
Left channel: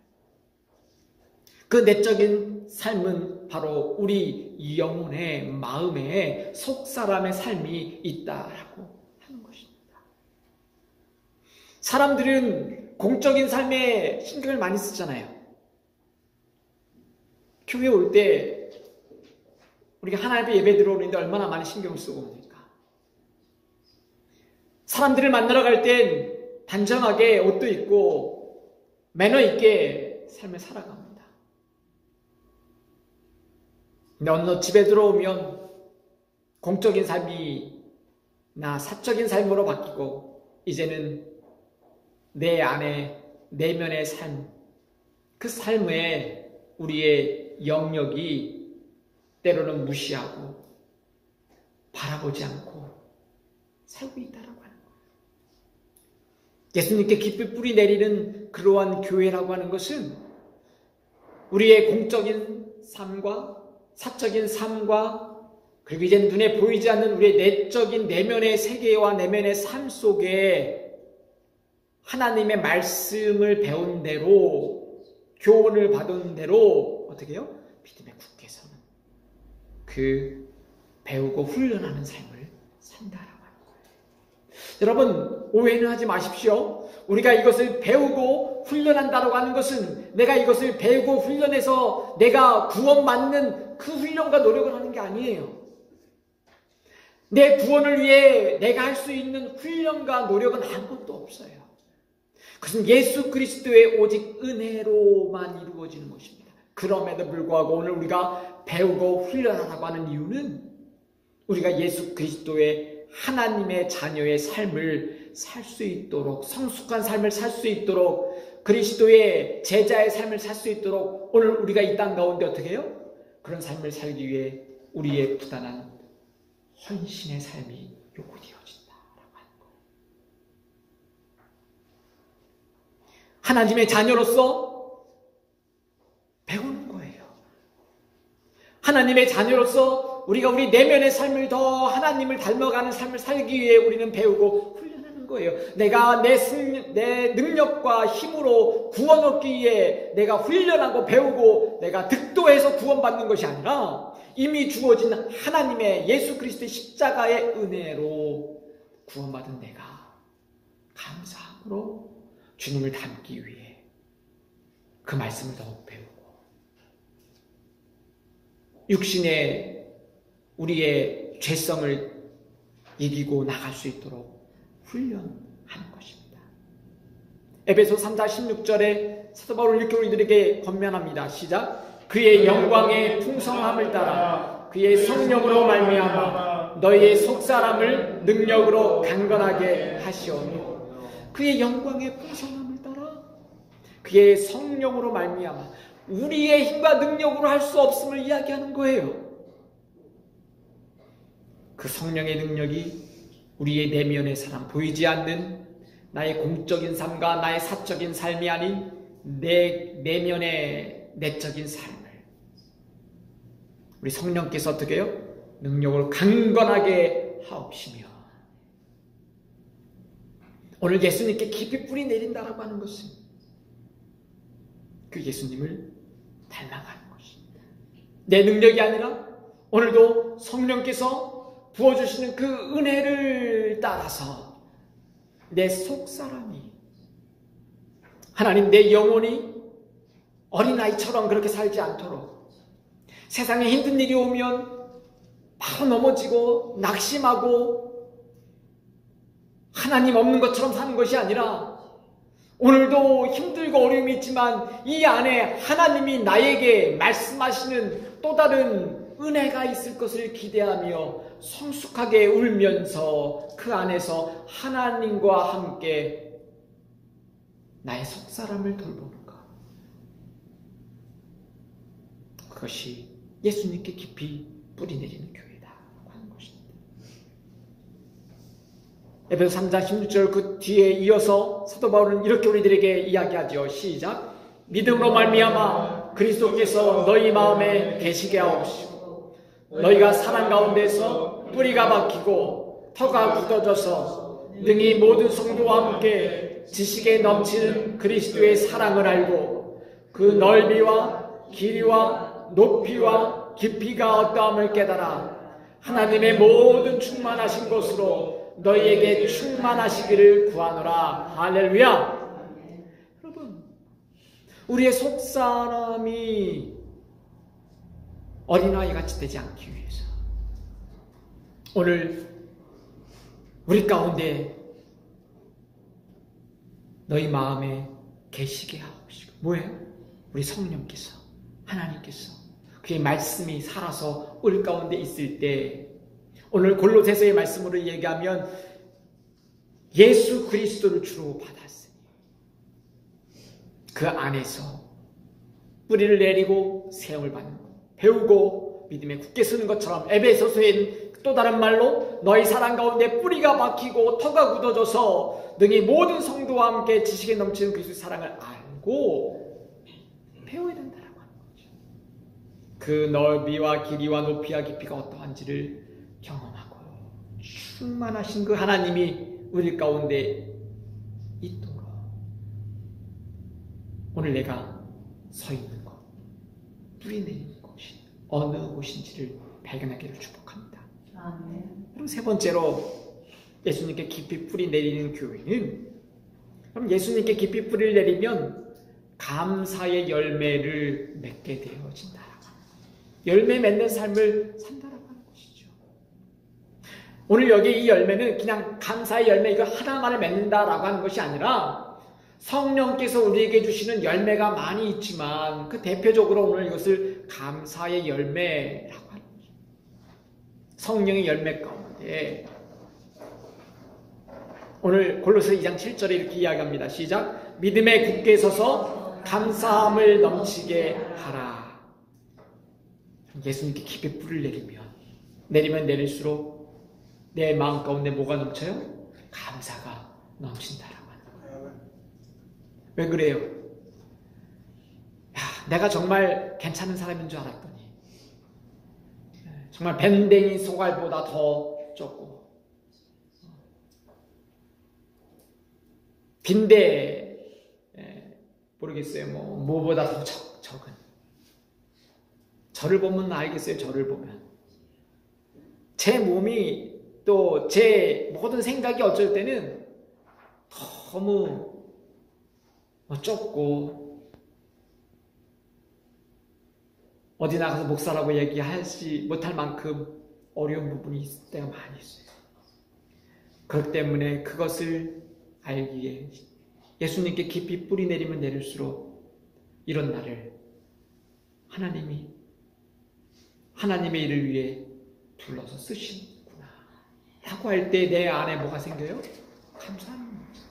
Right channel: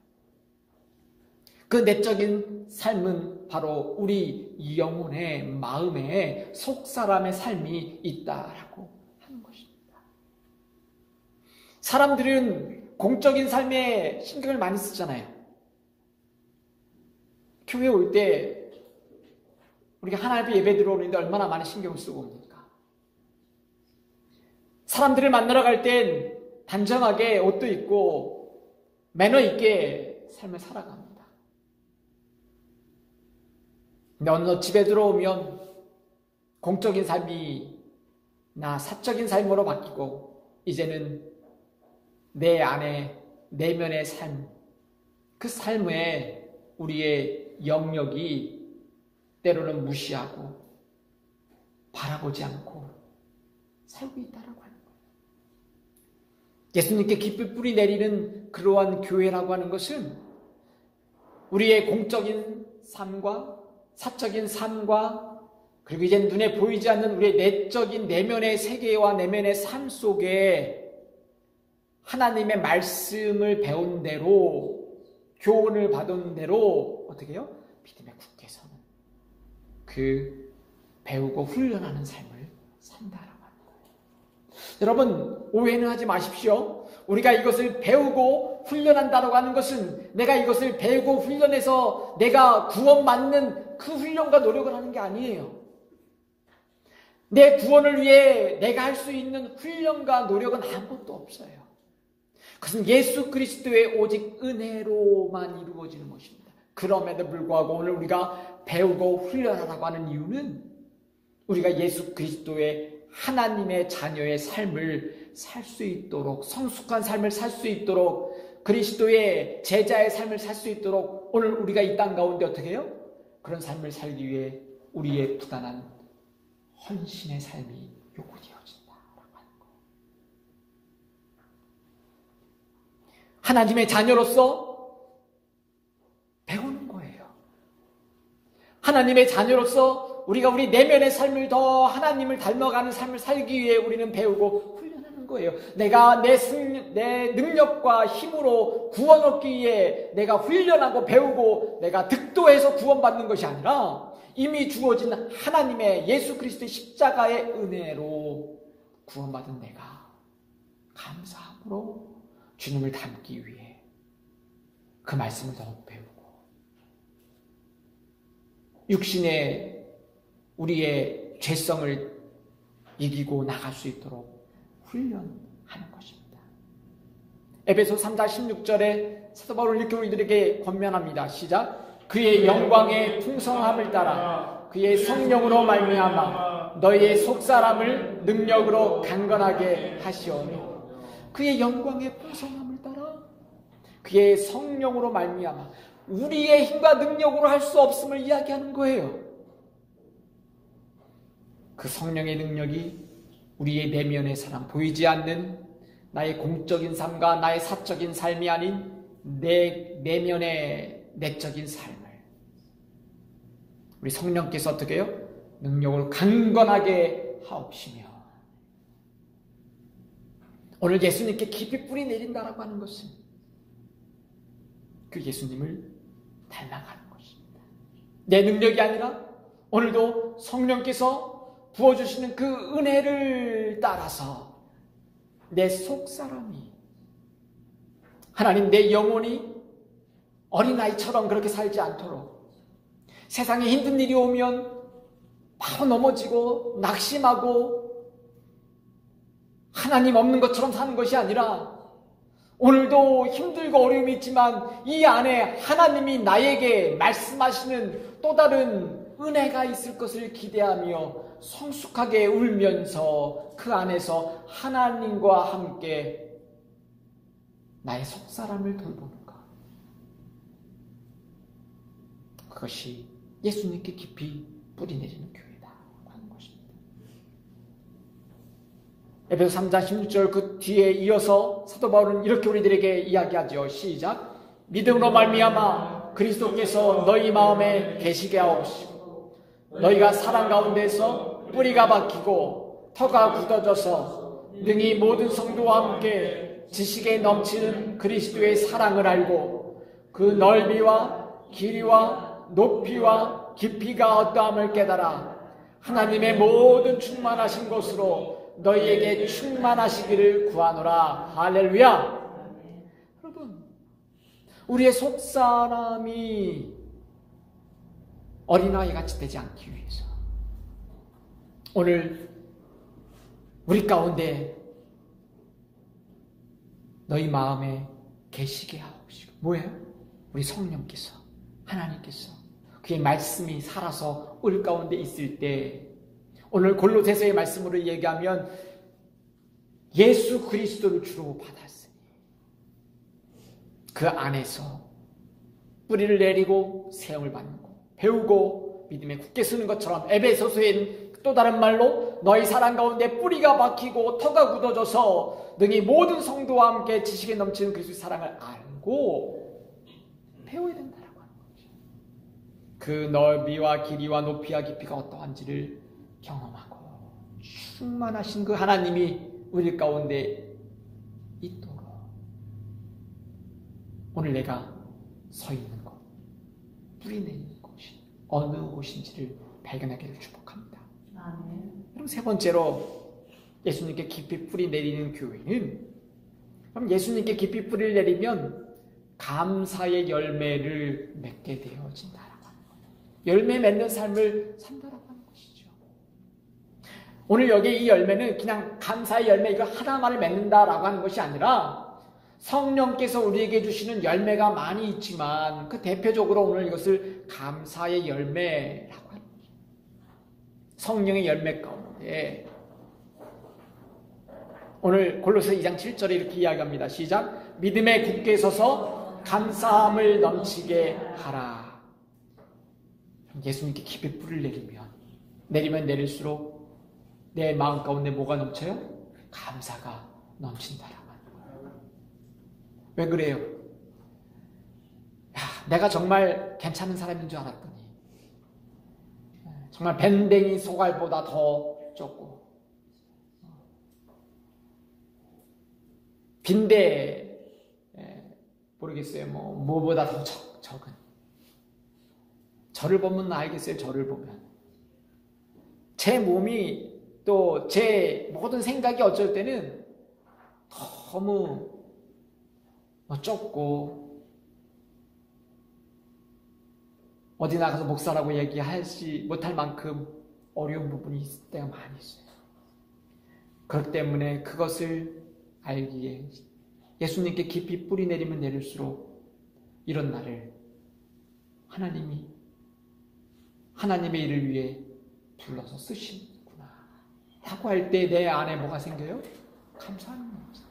그 내적인 삶은 바로 우리 영혼의 마음에 속사람의 삶이 있다라고 하는 것입니다. 사람들은 공적인 삶에 신경을 많이 쓰잖아요. 교회 올 때 우리가 하나님 앞에 예배 들어오는데 얼마나 많이 신경을 쓰고 옵니까? 사람들을 만나러 갈 땐 단정하게 옷도 입고 매너 있게 삶을 살아갑니다. 근데 어느 집에 들어오면 공적인 삶이 나 사적인 삶으로 바뀌고 이제는 내 안에 내면의 삶, 그 삶에 우리의 영역이 때로는 무시하고 바라보지 않고 살고 있다라고 하는 거예요. 예수님께 깊이 뿌리 내리는 그러한 교회라고 하는 것은 우리의 공적인 삶과 사적인 삶과 그리고 이제 눈에 보이지 않는 우리의 내적인 내면의 세계와 내면의 삶 속에 하나님의 말씀을 배운 대로 교훈을 받은 대로 어떻게 해요? 믿음에 굳게 서는 그 배우고 훈련하는 삶을 산다라고 하는 거예요. 여러분 오해는 하지 마십시오. 우리가 이것을 배우고 훈련한다라고 하는 것은 내가 이것을 배우고 훈련해서 내가 구원받는 그 훈련과 노력을 하는 게 아니에요. 내 구원을 위해 내가 할 수 있는 훈련과 노력은 아무것도 없어요. 그것은 예수 그리스도의 오직 은혜로만 이루어지는 것입니다. 그럼에도 불구하고 오늘 우리가 배우고 훈련하라고 하는 이유는 우리가 예수 그리스도의 하나님의 자녀의 삶을 살 수 있도록 성숙한 삶을 살 수 있도록 그리스도의 제자의 삶을 살 수 있도록 오늘 우리가 이 땅 가운데 어떻게 해요? 그런 삶을 살기 위해 우리의 부단한 헌신의 삶이 요구되어진다라고 하는 거예요. 하나님의 자녀로서 배우는 거예요. 하나님의 자녀로서 우리가 우리 내면의 삶을 더 하나님을 닮아가는 삶을 살기 위해 우리는 배우고 훈련하는 거예요. 내가 내 능력과 힘으로 구원 얻기 위해 내가 훈련하고 배우고 내가 득도해서 구원받는 것이 아니라 이미 주어진 하나님의 예수 그리스도의 십자가의 은혜로 구원받은 내가 감사함으로 주님을 닮기 위해 그 말씀을 더욱 배우고 육신의 우리의 죄성을 이기고 나갈 수 있도록 훈련하는 것입니다. 에베소 3장 16절에 사도 바울은 이렇게 우리들에게 권면합니다. 시작. 그의 영광의 풍성함을 따라 그의 성령으로 말미암아 너희의 속사람을 능력으로 강건하게 하시오며 그의 영광의 풍성함을 따라 그의 성령으로 말미암아 우리의 힘과 능력으로 할 수 없음을 이야기하는 거예요. 그 성령의 능력이 우리의 내면의 사람, 보이지 않는 나의 공적인 삶과 나의 사적인 삶이 아닌 내 내면의 내적인 삶을 우리 성령께서 어떻게 해요? 능력을 강건하게 하옵시며 오늘 예수님께 깊이 뿌리 내린다라고 하는 것은 그 예수님을 닮아가는 것입니다. 내 능력이 아니라 오늘도 성령께서 부어주시는 그 은혜를 따라서 내 속사람이 하나님 내 영혼이 어린아이처럼 그렇게 살지 않도록 세상에 힘든 일이 오면 바로 넘어지고 낙심하고 하나님 없는 것처럼 사는 것이 아니라 오늘도 힘들고 어려움이 있지만 이 안에 하나님이 나에게 말씀하시는 또 다른 은혜가 있을 것을 기대하며 성숙하게 울면서 그 안에서 하나님과 함께 나의 속사람을 돌보는 것. 그것이 예수님께 깊이 뿌리내리는 교회다 하는 것입니다. 에베소 3장 16절 그 뒤에 이어서 사도 바울은 이렇게 우리들에게 이야기하죠. 시작. 믿음으로 말미암아 그리스도께서 너희 마음에 계시게 하옵시고 너희가 사랑 가운데서 뿌리가 박히고 터가 굳어져서 능히 모든 성도와 함께 지식에 넘치는 그리스도의 사랑을 알고 그 넓이와 길이와 높이와 깊이가 어떠함을 깨달아 하나님의 모든 충만하신 곳으로 너희에게 충만하시기를 구하노라. 할렐루야. 여러분, 우리의 속사람이 어린아이같이 되지 않기 위해서 오늘 우리 가운데 너희 마음에 계시게 하옵시고, 뭐예요? 우리 성령께서, 하나님께서 그의 말씀이 살아서 우리 가운데 있을 때, 오늘 골로새서의 말씀으로 얘기하면 예수 그리스도를 주로 받았으니 그 안에서 뿌리를 내리고 세움을 받는 것, 배우고 믿음에 굳게 서는 것처럼 에베소서의 또 다른 말로 너희 사랑 가운데 뿌리가 박히고 터가 굳어져서 능히 모든 성도와 함께 지식에 넘치는 그리스도의 사랑을 알고 배워야 된다라고 하는 거죠. 그 넓이와 길이와 높이와 깊이가 어떠한지를 경험하고 충만하신 그 하나님이 우리 가운데 있도록 오늘 내가 서 있는 곳, 뿌리 내리는 곳이 어느 곳인지를 발견하기를 축복합니다. 그럼 세 번째로 예수님께 깊이 뿌리 내리는 교회는, 그럼 예수님께 깊이 뿌리를 내리면 감사의 열매를 맺게 되어진다. 열매 맺는 삶을 산다라고 하는 것이죠. 오늘 여기 이 열매는 그냥 감사의 열매 이거 하나만을 맺는다라고 하는 것이 아니라 성령께서 우리에게 주시는 열매가 많이 있지만 그 대표적으로 오늘 이것을 감사의 열매라고 하는 거죠. 성령의 열매 가운데 오늘 골로새 2장 7절에 이렇게 이야기합니다. 시작. 믿음에 굳게 서서 감사함을 넘치게 하라. 예수님께 깊이 뿌리를 내리면 내릴수록 내 마음 가운데 뭐가 넘쳐요? 감사가 넘친다라고 하는 거예요. 왜 그래요? 야, 내가 정말 괜찮은 사람인 줄 알았더니 정말 밴댕이 소갈보다 더 좁고 빈대 모르겠어요. 뭐보다 더 적은. 저를 보면 알겠어요. 저를 보면 제 몸이 또 제 모든 생각이 어쩔 때는 너무 좁고 어디 나가서 목사라고 얘기하지 못할 만큼 어려운 부분이 있을 때가 많이 있어요. 그렇기 때문에 그것을 알기에 예수님께 깊이 뿌리 내리면 내릴수록 이런 나를 하나님의 일을 위해 불러서 쓰시는구나 라고 할 때 내 안에 뭐가 생겨요? 감사하는 거죠.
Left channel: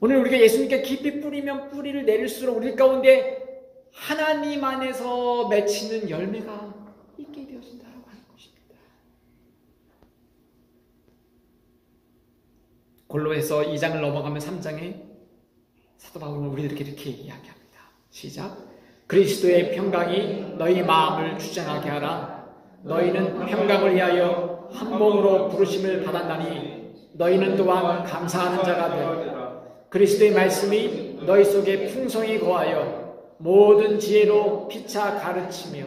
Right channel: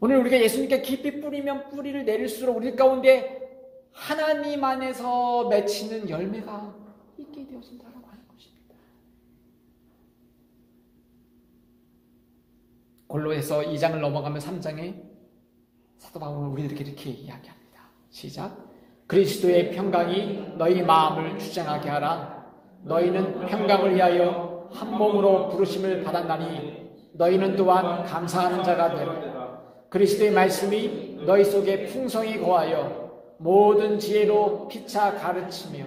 오늘 우리가 예수님께 깊이 뿌리면 뿌리를 내릴수록 우리 가운데 하나님 안에서 맺히는 열매가 있게 되어진다고 하는 것입니다. 골로에서 2장을 넘어가면 3장에 사도 바울은 우리들에게 이렇게 이야기합니다. 시작. 그리스도의 평강이 너희 마음을 주장하게 하라. 너희는 평강을 위하여 한 몸으로 부르심을 받았나니 너희는 또한 감사하는 자가 되라. 그리스도의 말씀이 너희 속에 풍성히 거하여 모든 지혜로 피차 가르치며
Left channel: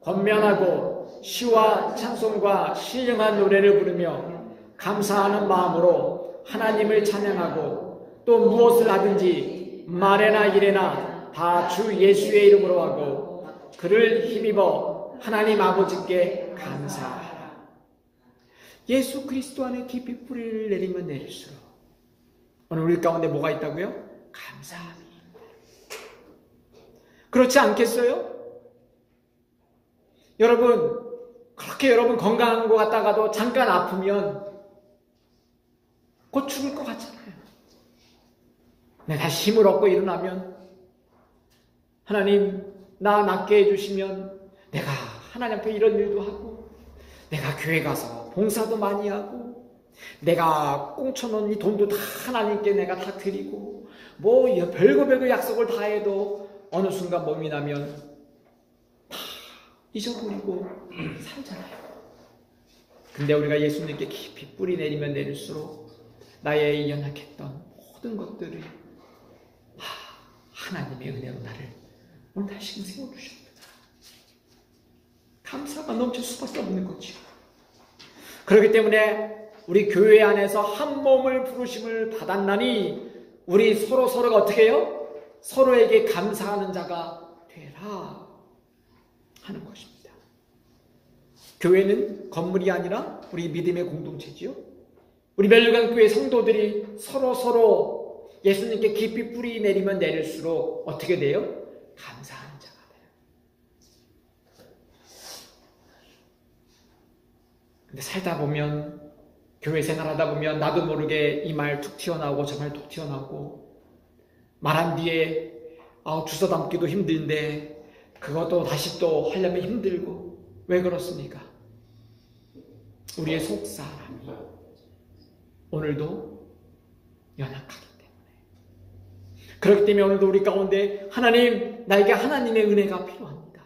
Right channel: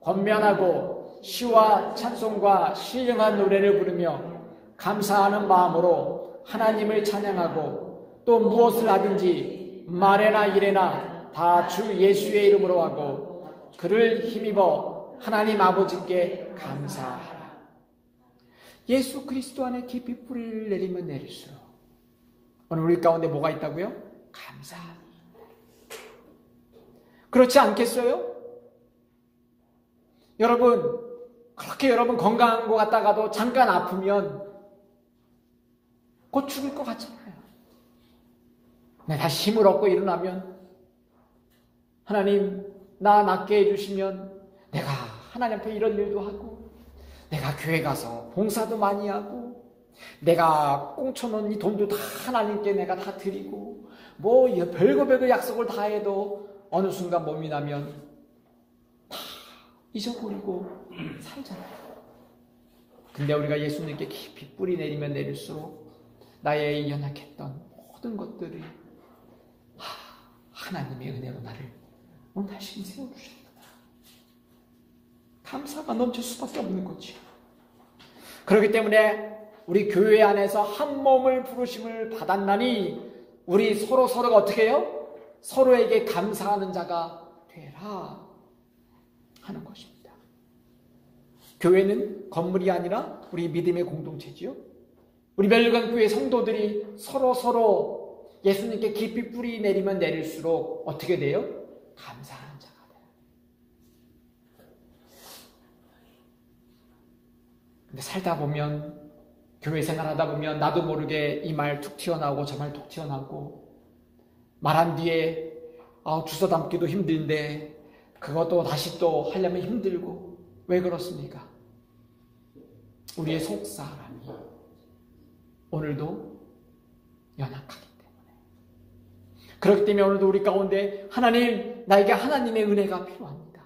권면하고 시와 찬송과 신령한 노래를 부르며 감사하는 마음으로 하나님을 찬양하고 또 무엇을 하든지 말에나 일에나 다 주 예수의 이름으로 하고 그를 힘입어 하나님 아버지께 감사하라. 예수 그리스도 안에 깊이 뿌리를 내리면 내릴수록 오늘 우리 가운데 뭐가 있다고요? 감사함이. 그렇지 않겠어요? 여러분, 그렇게 여러분 건강한 것 같다가도 잠깐 아프면 곧 죽을 것 같잖아요. 네, 다시 힘을 얻고 일어나면 하나님 나 낫게 해주시면 내가 하나님 앞에 이런 일도 하고 내가 교회 가서 봉사도 많이 하고 내가 꽁쳐놓은 이 돈도 다 하나님께 내가 다 드리고 뭐 별거 약속을 다 해도 어느 순간 몸이 나면 다 잊어버리고 살잖아요. 근데 우리가 예수님께 깊이 뿌리 내리면 내릴수록 나의 연약했던 모든 것들이 하나님의 은혜로 나를 오늘 다시 세워주셨구나. 감사가 넘칠 수밖에 없는 거죠. 그렇기 때문에 우리 교회 안에서 한 몸을 부르심을 받았나니 우리 서로가 어떻게 해요? 서로에게 감사하는 자가 되라 하는 것입니다. 교회는 건물이 아니라 우리 믿음의 공동체지요. 우리 멜로강교회 성도들이 서로 예수님께 깊이 뿌리 내리면 내릴수록 어떻게 돼요? 감사하는 자가 돼요. 근데 살다 보면 교회 생활하다 보면 나도 모르게 이 말 툭 튀어나오고 저 말 툭 튀어나오고 말한 뒤에 주워 담기도 힘든데 그것도 다시 또 하려면 힘들고 왜 그렇습니까? 우리의 속사람이 오늘도 연약하기 때문에 그렇기 때문에 오늘도 우리 가운데 하나님 나에게 하나님의 은혜가 필요합니다.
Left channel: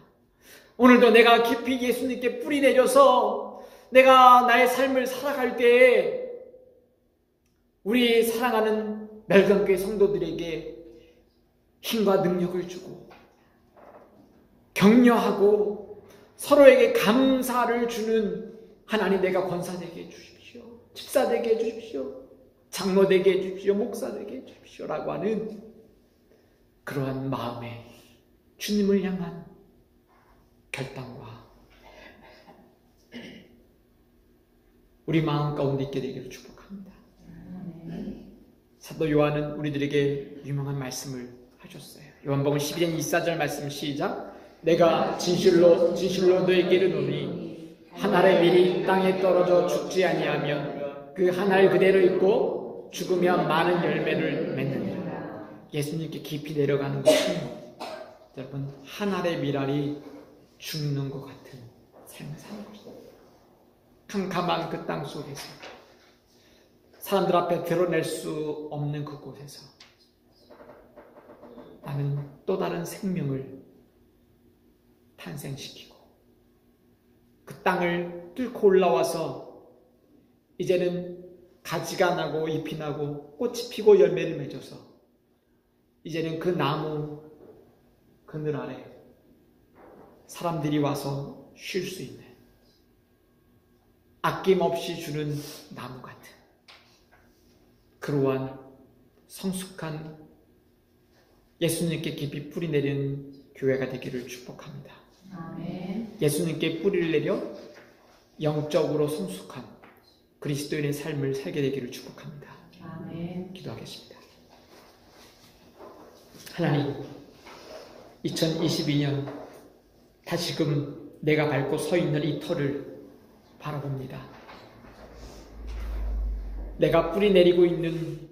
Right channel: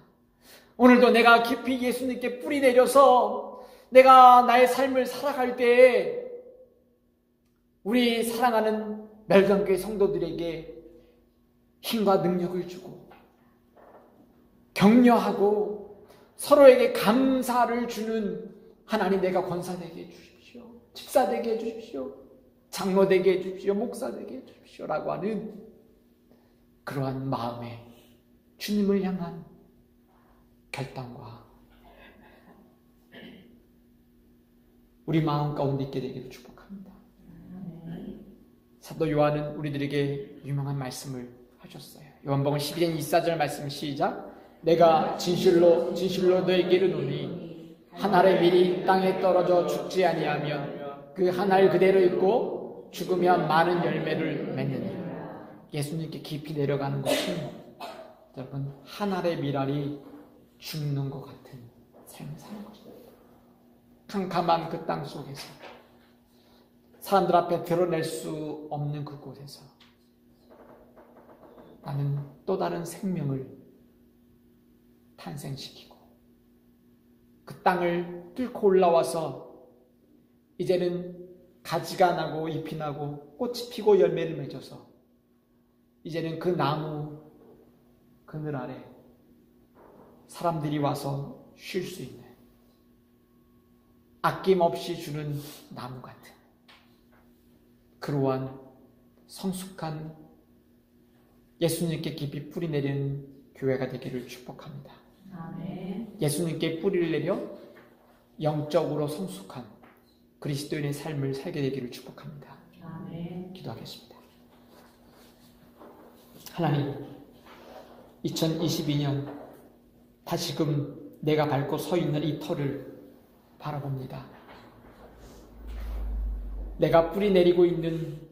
오늘도 내가 깊이 예수님께 뿌리 내려서 내가 나의 삶을 살아갈 때에 우리 사랑하는 멜강교회 성도들에게 힘과 능력을 주고 격려하고 서로에게 감사를 주는 하나님 내가 권사되게 해주십시오. 집사되게 해주십시오. 장로되게 해주십시오. 목사되게 해주십시오. 라고 하는 그러한 마음에 주님을 향한 결단과 우리 마음 가운데 있게 되기를 축복합니다. 사도 요한은 우리들에게 유명한 말씀을 하셨어요. 요한복음 12장 24절 말씀 시작. 내가 진실로 너에게 이르노니 한 알의 밀이 땅에 떨어져 죽지 아니하면 그 한 알 그대로 있고 죽으면 많은 열매를 맺느니라. 예수님께 깊이 내려가는 것은 여러분 한 알의 밀알이 죽는 것 같은 삶을 사는 것입니다. 캄캄한 그 땅 속에서 사람들 앞에 드러낼 수 없는 그곳에서 나는 또 다른 생명을 탄생시키고 그 땅을 뚫고 올라와서 이제는 가지가 나고 잎이 나고 꽃이 피고 열매를 맺어서 이제는 그 나무 그늘 아래 사람들이 와서 쉴 수 있는 아낌없이 주는 나무 같은 그러한 성숙한 예수님께 깊이 뿌리 내리는 교회가 되기를 축복합니다. 아멘. 예수님께 뿌리를 내려 영적으로 성숙한 그리스도인의 삶을 살게 되기를 축복합니다. 아멘. 기도하겠습니다. 하나님, 2022년 다시금 내가 밟고 서 있는 이 터를 바라봅니다. 내가 뿌리 내리고 있는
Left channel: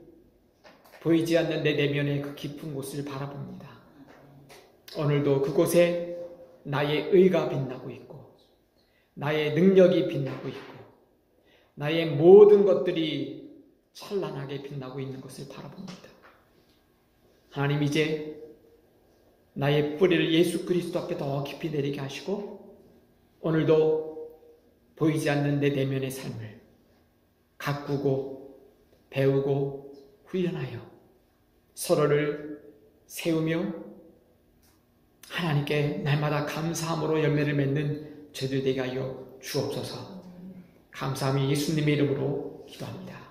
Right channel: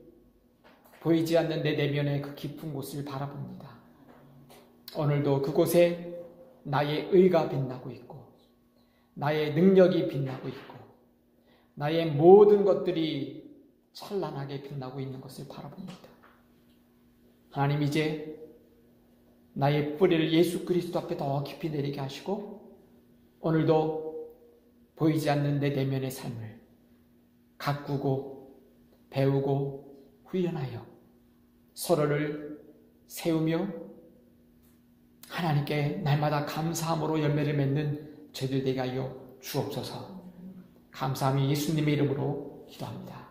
보이지 않는 내 내면의 그 깊은 곳을 바라봅니다. 오늘도 그곳에 나의 의가 빛나고 있고 나의 능력이 빛나고 있고 나의 모든 것들이 찬란하게 빛나고 있는 것을 바라봅니다. 하나님, 이제 나의 뿌리를 예수 그리스도 앞에 더 깊이 내리게 하시고 오늘도 보이지 않는 내 내면의 삶을 가꾸고 배우고 훈련하여 서로를 세우며 하나님께 날마다 감사함으로 열매를 맺는 저희들 되게 하여 주옵소서. 감사함이 예수님의 이름으로 기도합니다.